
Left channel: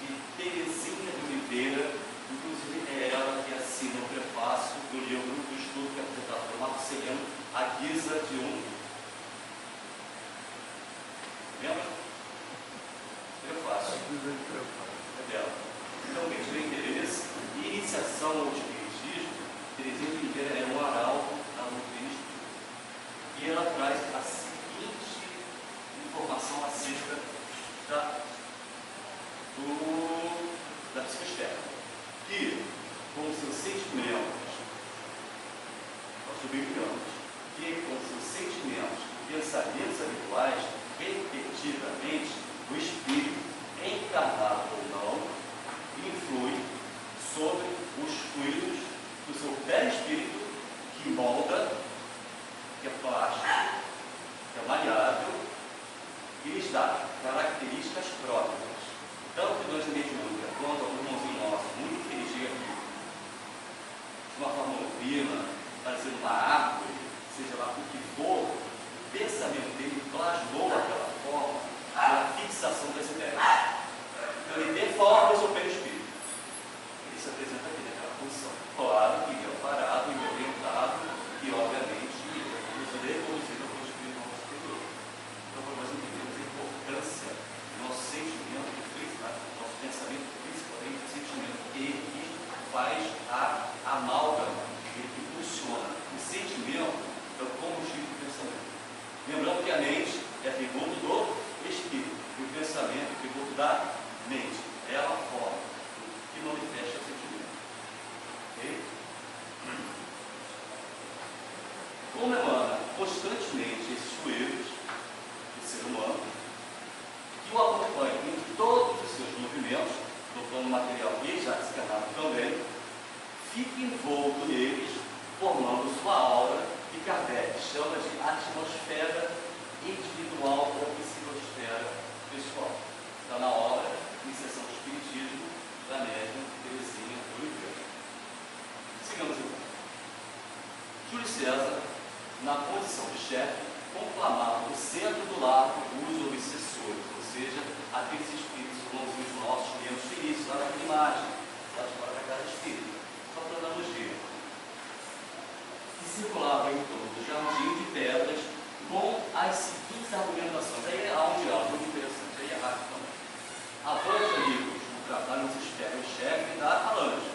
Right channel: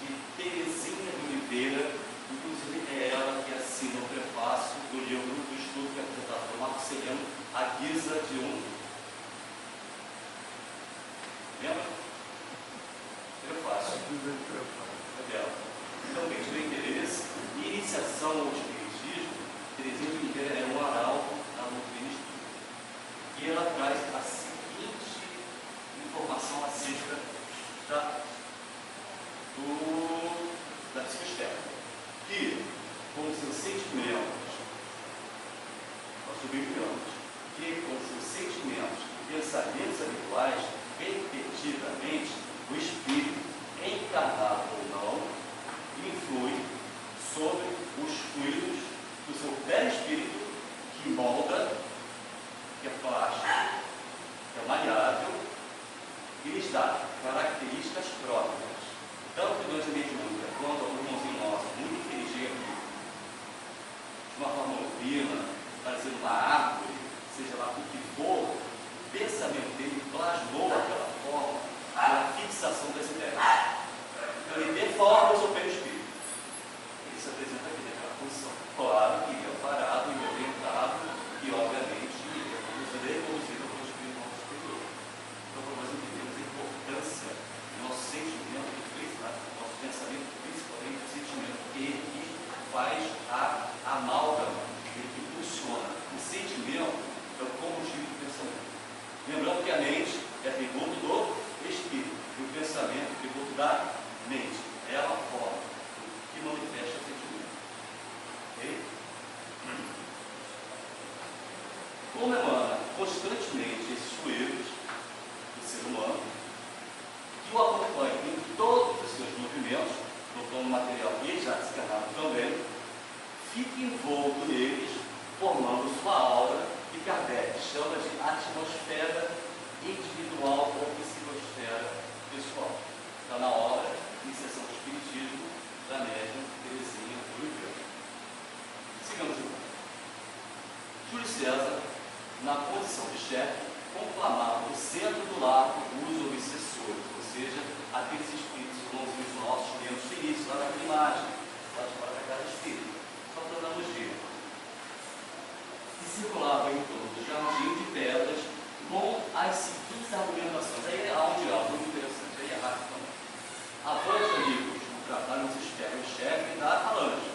de Terezinha de Oliveira, inclusive é ela que assina o prefácio do livro do estudo que é apresentado por Marco Seriano, à guisa de um. Lembra? Prefácio. É dela. Então, quem tiver interesse, Iniciação ao Espiritismo, Terezinha de Oliveira é um arauto da doutrina espírita. E ela traz a seguinte informação acerca da psicosfera. Que, com seus sentimentos, nós sublinhamos, que com seus sentimentos e pensamentos habituais, repetidamente, o espírito, encarnado ou não, influi sobre os fluidos do seu perispírito, que molda, que é plástico, que é maleável, e lhes dá características próprias. Tanto durante a mediúnica, quanto ao irmãozinho nosso, muito infeliz aqui, de uma forma urbina, fazendo uma árvore, seja lá o que for, o pensamento dele plasmou aquela forma pela fixação das ideias. Então ele deforma o seu perispírito. Ele se apresenta aqui naquela posição. Claro que ele é parado e orientado e, obviamente, reconduzido ao espírito superior. Então, para nós entendermos a importância do nosso sentimento, nosso pensamento, principalmente o sentimento, ele faz a amálgama, ele funciona. O sentimento é o combustível do pensamento. Lembrando que a mente é atributo do espírito, e o pensamento é atributo da mente. É a forma que manifesta o sentimento. Ok? Como emana constantemente esses fluidos do ser humano, que o acompanha em todos os seus movimentos, no plano material e já desencarnado também, fica envolto neles, formando sua aura, que Kardec chama de atmosfera individual ou psicosfera pessoal. Está na obra Iniciação do Espiritismo, da médium Terezinha de Oliveira. Sigamos então. Júlio César, na condição de chefe, conclamava no centro do largo os obsessores, ou seja, aqueles espíritos irmãozinhos nossos que lemos no início, lá naquela imagem, lá de fora da casa espírita, só para darmos ver. E circulava em torno do jardim de pedras com as seguintes argumentações. Aí há um diálogo muito interessante, aí é rápido também. A voz amigos, o trabalho nos espera o chefe da falange.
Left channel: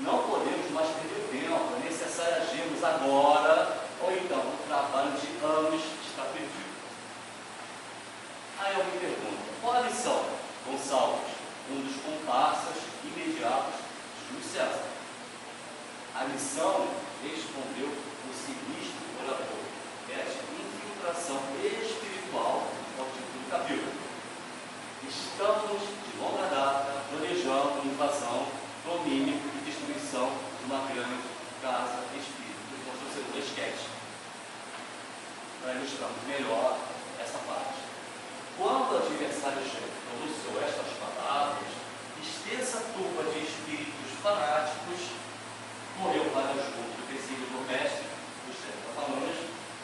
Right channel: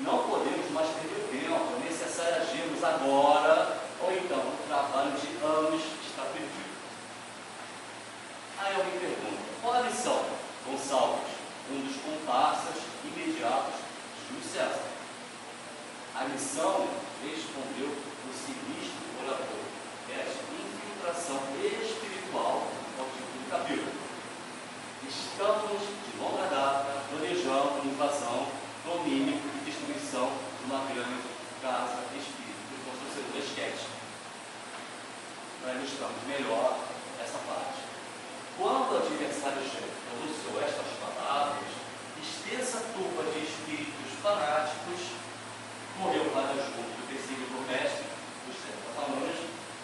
Não podemos mais perder tempo, é necessário agirmos agora, ou então o trabalho de anos está perdido. Aí eu me pergunto, qual a missão? Gonçalves, um dos comparsas imediatos de Júlio César. A missão, respondeu o sinistro orador, é de infiltração espiritual ao título do capítulo. Estamos, de longa data, planejando invasão, domínio e destruição ilustramos melhor essa parte. Quando o adversário chega e pronunciou estas palavras, extensa turba de espíritos fanáticos morreu para o escudo do versículo do mestre dos Sertafalanos,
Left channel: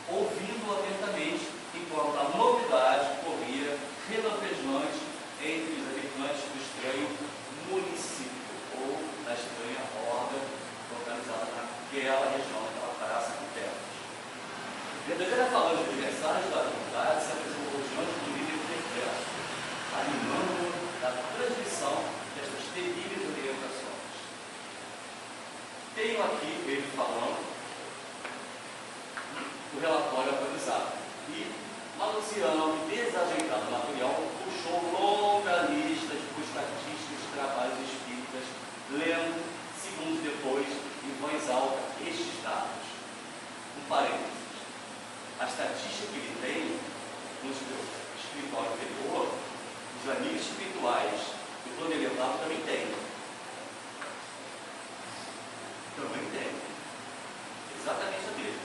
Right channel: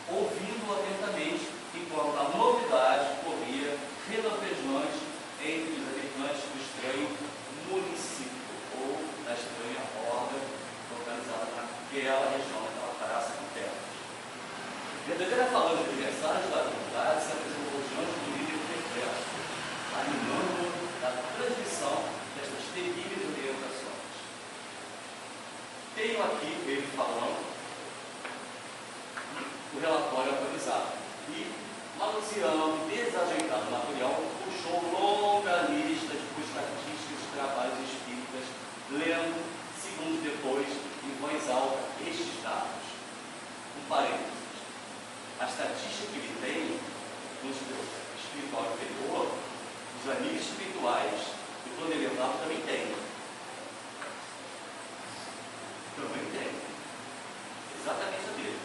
ouvindo atentamente, enquanto a novidade corria relampejante entre os habitantes do estranho município, ou da estranha horda localizada naquela região, naquela praça com terras. Verdadeira falando de adversários da comunidade, se apresentou diante do líder perplesso, animando-o da transmissão destas terríveis orientações. Tenho aqui ele falando o relatório atualizado e, manuseando e desajeitado o material, puxou longa lista de estatísticas de trabalhos espíritas, lendo, segundos depois, em voz alta, estes dados. Um parênteses. A estatística que ele tem no espiritual inferior, os amigos espirituais do plano elevado também tem. Também tem. Exatamente a dele.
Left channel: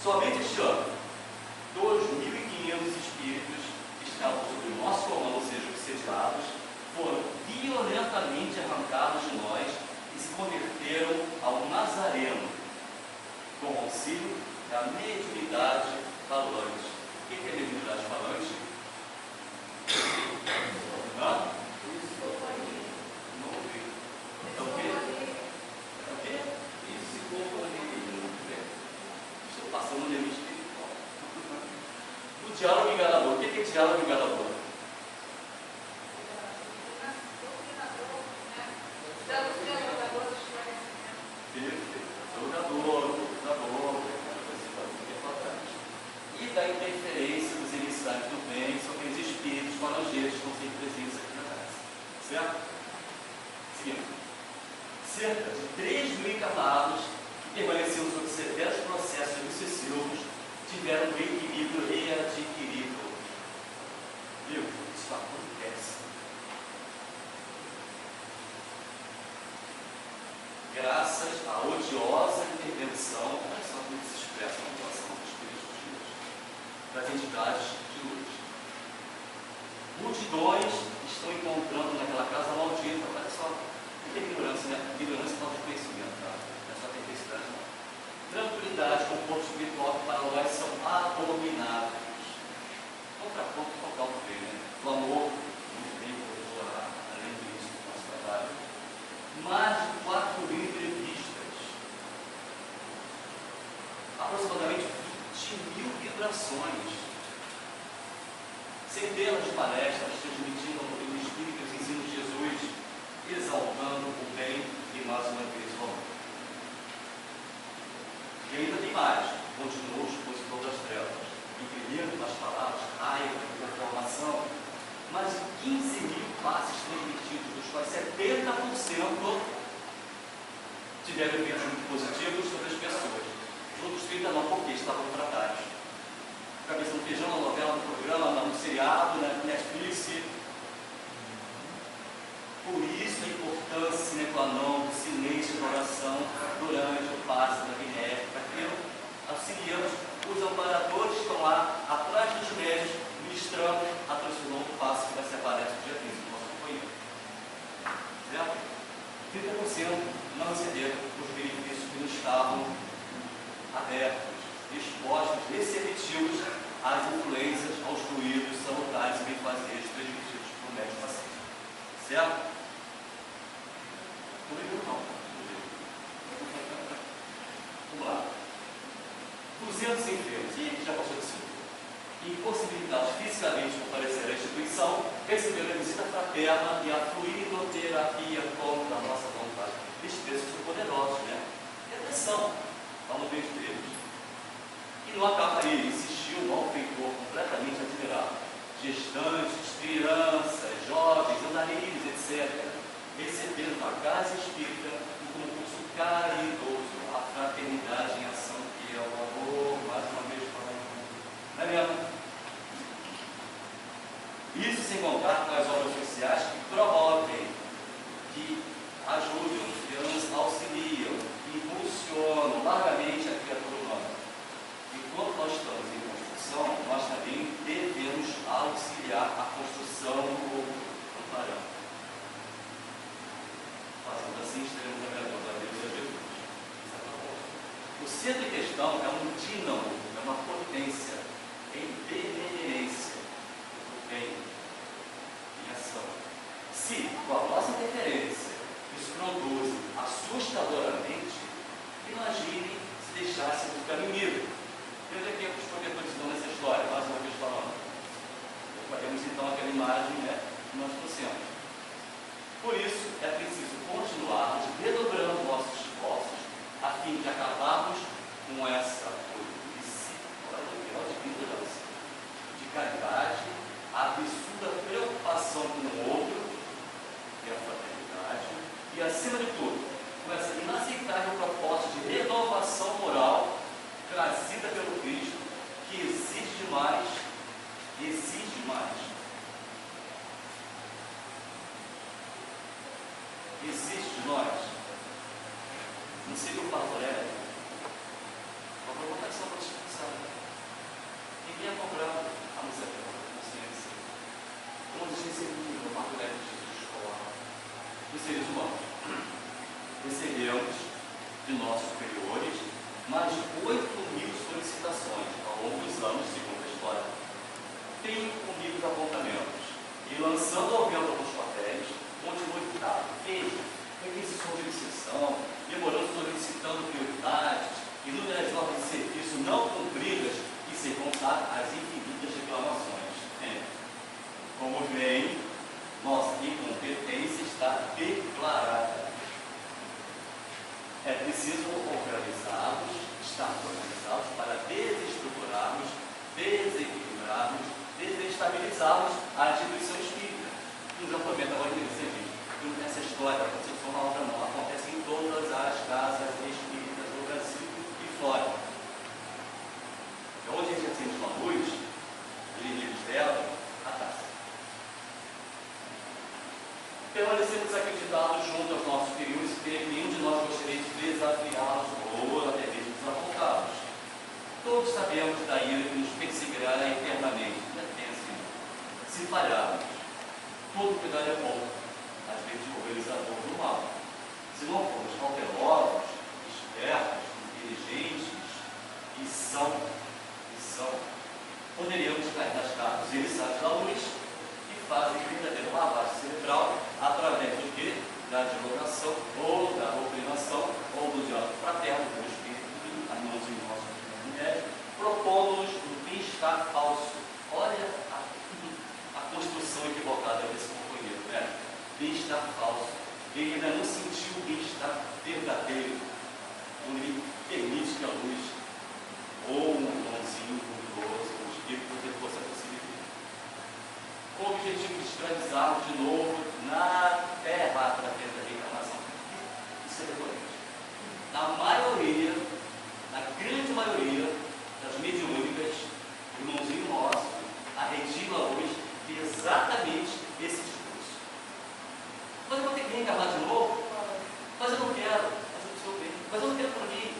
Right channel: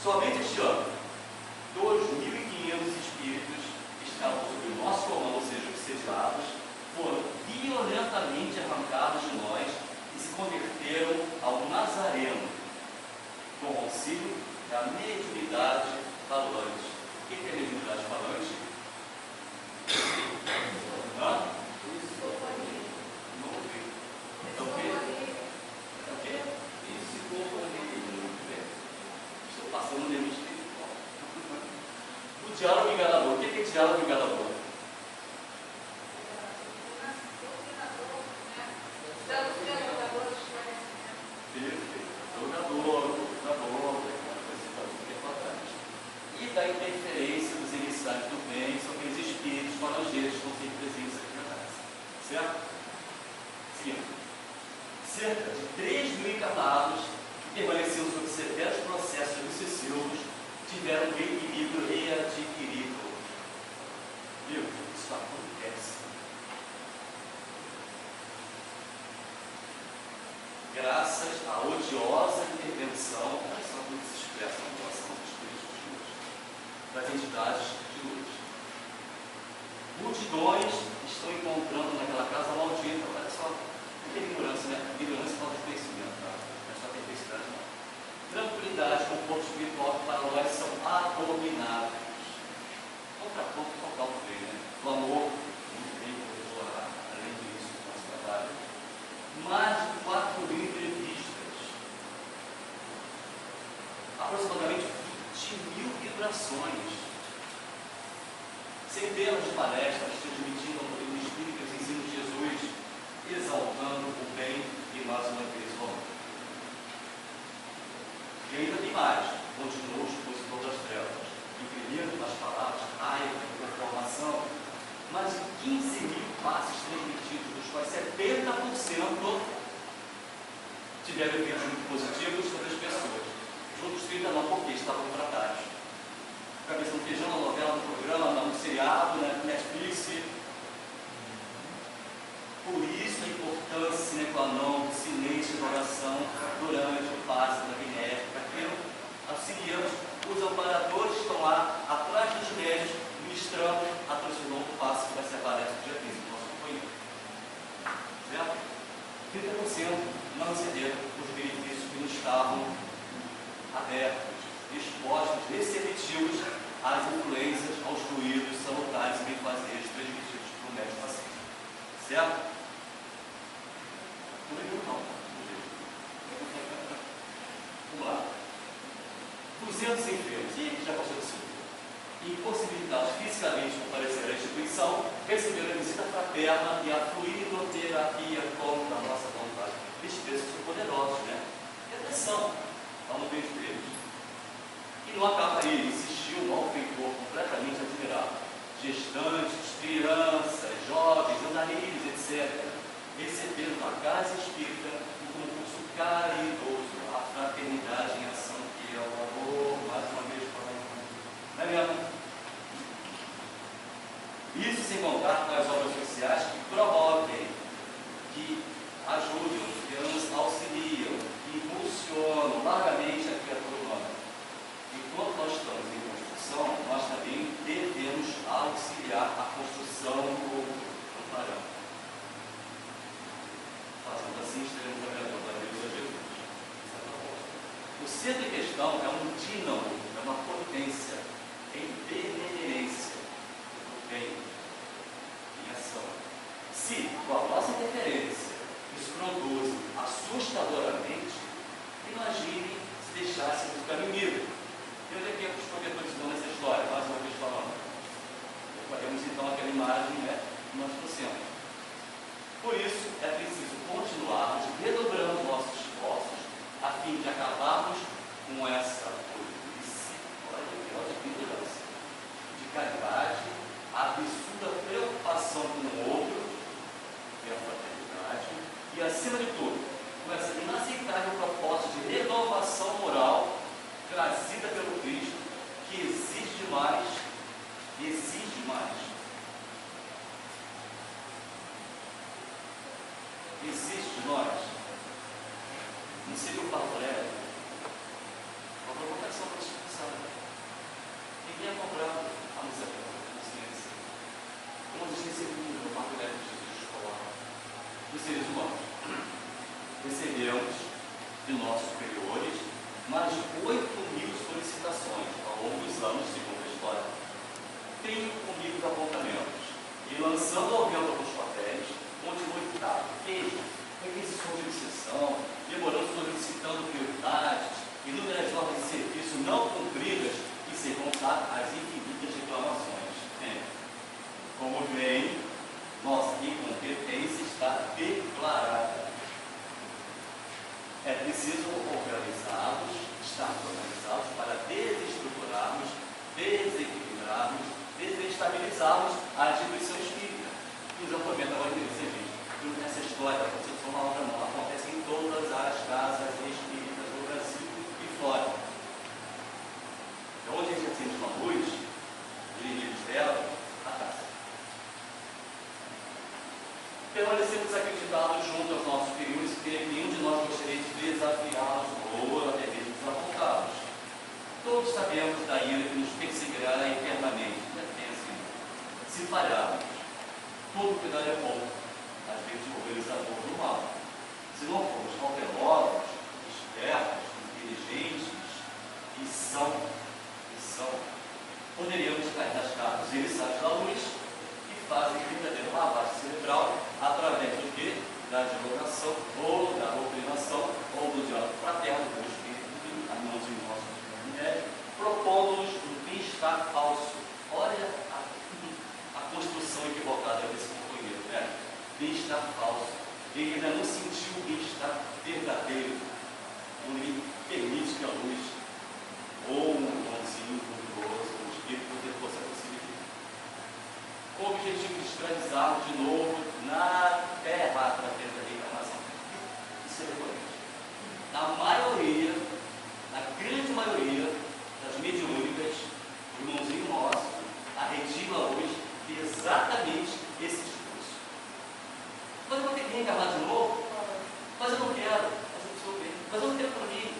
Somente este ano, 2.500 espíritos que estavam sob o nosso comando, ou seja, obsediados, foram violentamente arrancados de nós e se converteram ao Nazareno, com o auxílio da mediunidade falante. O que é mediunidade falante? Hã? Não ouvi. É o quê? É o quê? Psicofonia. Estou passando no nível espiritual. O diálogo enganador. O que é diálogo enganador? E da interferência dos emissários do bem sobre os espíritos falangeiros que estão sempre presentes aqui na casa. Certo? Seguindo. Cerca de 3.000 encarnados que permaneceram sob severos processos obsessivos tiveram o equilíbrio readquirido. Viu? Isso acontece. Graças à odiosa intervenção, olha só como se expressa a relação dos espíritos de luz, das entidades de luz. Multidões estão encontrando naquela casa maldita, olha só, muita ignorância, né? Ignorância falta de conhecimento, tá? Não é só perversidade, não. Tranquilidade, conforto espiritual que para nós são abomináveis. Contraponto total do bem, né? O amor, muito bem, vou orar, além disso, do nosso trabalho. Mais de 4.000 entrevistas, aproximadamente 20.000 vibrações, centenas de palestras transmitindo ao mundo espírita os ensinos de Jesus, exaltando o bem e mais uma vez o amor. E ainda tem mais, continuou o expositor das trevas, imprimindo nas palavras raiva e conformação, mais de 15.000 passes transmitidos, dos quais 70% tiveram efeitos muito positivos sobre as pessoas. Os outros 30 não, porque estavam tratados. Cabeça no feijão, na novela, no programa, no seriado, na Netflix. Por isso a importância sine qua non do silêncio da oração durante o passe da benéfica, que auxiliamos os amparadores que estão lá atrás dos médios, ministrando a transformação do passe que vai ser a palestra do dia 15 do nosso companheiro. Certo? 30% não receberam os benefícios que não estavam abertos, expostos, receptivos às influências, aos ruídos salutares e benfazejos transmitidos por médico paciente. Certo? Não. Vamos lá. 200 enfermos, e já passou de 5, impossibilitados fisicamente de comparecer à instituição, receberam a visita fraterna e a fluidoterapia contra a nossa vontade. Estes textos são poderosos, né? E atenção ao momento deles. E não acaba aí, existiu um malfeitor completamente admirável. Gestantes, crianças, jovens, andarilhos, etc., receberam na casa espírita um concurso caridoso, a fraternidade em ação, que é o amor, mais uma vez falando. Não é mesmo? Isso sem contar com as obras sociais que promovem, que ajudam, que nos auxiliam, que impulsionam largamente a criatura humana. Enquanto nós O centro em questão é um dínamo, é uma potência em determinência, em ação. Se, com a nossa interferência, isso produz assustadoramente, imagine se deixássemos o caminho livre. E onde é que os protetores dão nessa história? Mais uma vez falando. Temos então aquela imagem, né, que nós trouxemos. Por isso, é preciso continuarmos redobrando nossos esforços a fim de acabarmos com essa de ignorância, de caridade, a absurda preocupação com o outro, que é a fraternidade, e acima de tudo, com essa inaceitável proposta de renovação moral trazida pelo Cristo, que exige mais, exige mais. Existe de nós, não seria o favorito, uma provocação para descansar. Ninguém é cobrado a nos consciência. Todos recebemos o favorito de Jesus escolar. Os seres humanos recebemos de nossos superiores mais de 8.000 solicitações ao longo dos anos, segundo a história. 30.000 apontamentos. E lançando ao vento alguns papéis, continua ditado, queijo, requisições de exceção, demorando solicitando prioridades, inúmeras ordens de serviço não cumpridas e sem contar as infinitas reclamações. Como vem, nossa incompetência está declarada. É preciso organizá-los, estar organizados para desestruturarmos, desequilibrarmos, desestabilizarmos a instituição espírita. Nos aproveita agora que você viu. Essa história da concepção da obra não acontece em todas as casas espíritas do Brasil e fora. Então, onde a gente acende uma luz, os inimigos dela, a taça. Permanecemos acreditados junto aos nossos superiores e creio que nenhum de nós gostaria de desafiá-los ou até mesmo desapontá-los. Todos sabemos da ira que nos perseguirá eternamente. Se falharmos, todo cuidado é bom, às vezes organizador do mal. Se não formos cautelosos, espertos, inteligentes e são, poderíamos cair nas cartas emissários da luz que fazem verdadeiro lavagem cerebral através do que? Da divulgação ou da doutrinação ou do diálogo fraterno do Espírito, irmãos em nosso médico, propondo-nos um bem-estar falso. Olha a construção equivocada desse companheiro, né? Bem-estar falso. Ele ainda não sentiu o bem-estar verdadeiro, quando ele permite que a luz ou um irmãozinho luminoso, um espírito, fosse a possibilidade. Com o objetivo de escravizarmos de novo na terra através da reencarnação. Isso é recorrente. Na maioria, na grande maioria das mediúnicas, o irmãozinho nosso, a Regina hoje, exatamente esse discurso. Mas eu vou ter que reencarnar de novo? Mas eu não quero. Mas eu estou bem. Mas eu não quero para mim.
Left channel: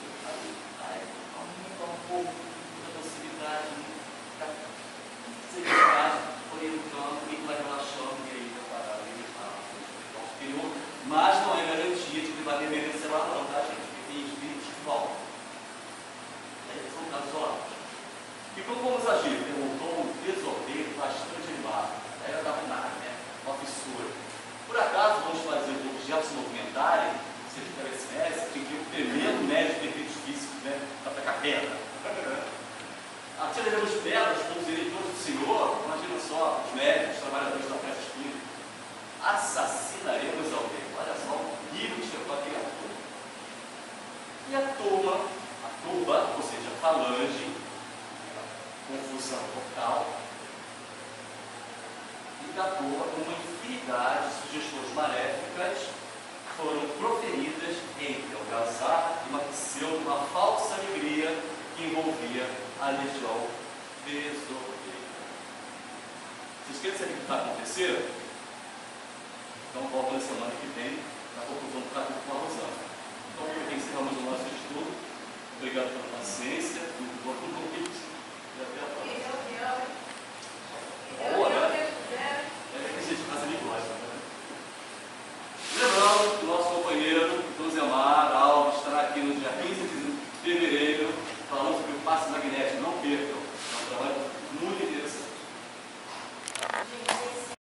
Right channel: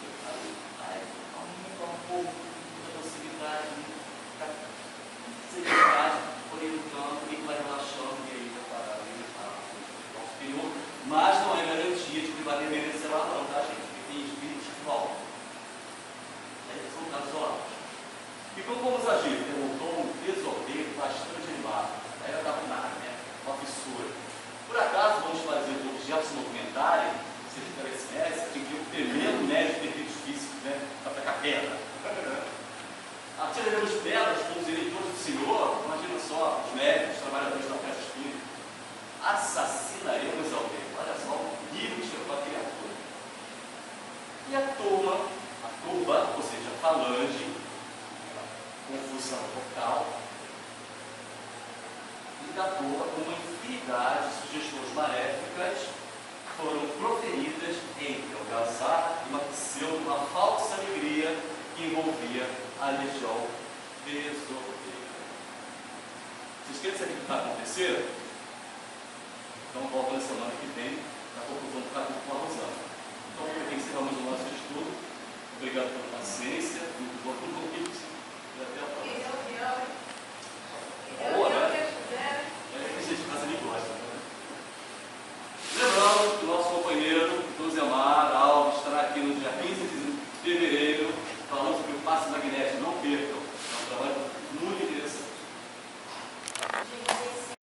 Aumenta um pouco da possibilidade da seriedade, porém no campo, e vai relaxando e aí vai parar o superior. Mas não é garantia de que vai permanecer lá não, tá, gente? Porque tem espíritos que voltam. São casos isolados. E como vamos agir? Perguntou um desordeiro bastante animado. Aí eu estava na área, né? Uma fissura. Por acaso vamos fazer do objeto se movimentarem, se eles parecem, tem que ir o tremendo médio de efeitos físicos, né? Para pegar pedra. Atiraremos pedras com os eleitores do Senhor, imagina só, os médicos, os trabalhadores da festa espírita. Assassinaremos alguém. Olha só o nível que chegou a criatura. E a turba, ou seja, a falange, confusão vocal, e da turma, uma infinidade de sugestões maléficas foram proferidas entre algazarra e uma falsa alegria que envolvia a legião desordeira. Vocês querem saber o que está acontecendo? Então volta na semana que vem, na conclusão do capítulo com a Rosana. Então, encerramos o nosso estudo. Obrigado pela paciência, muito bom convite. E até a próxima.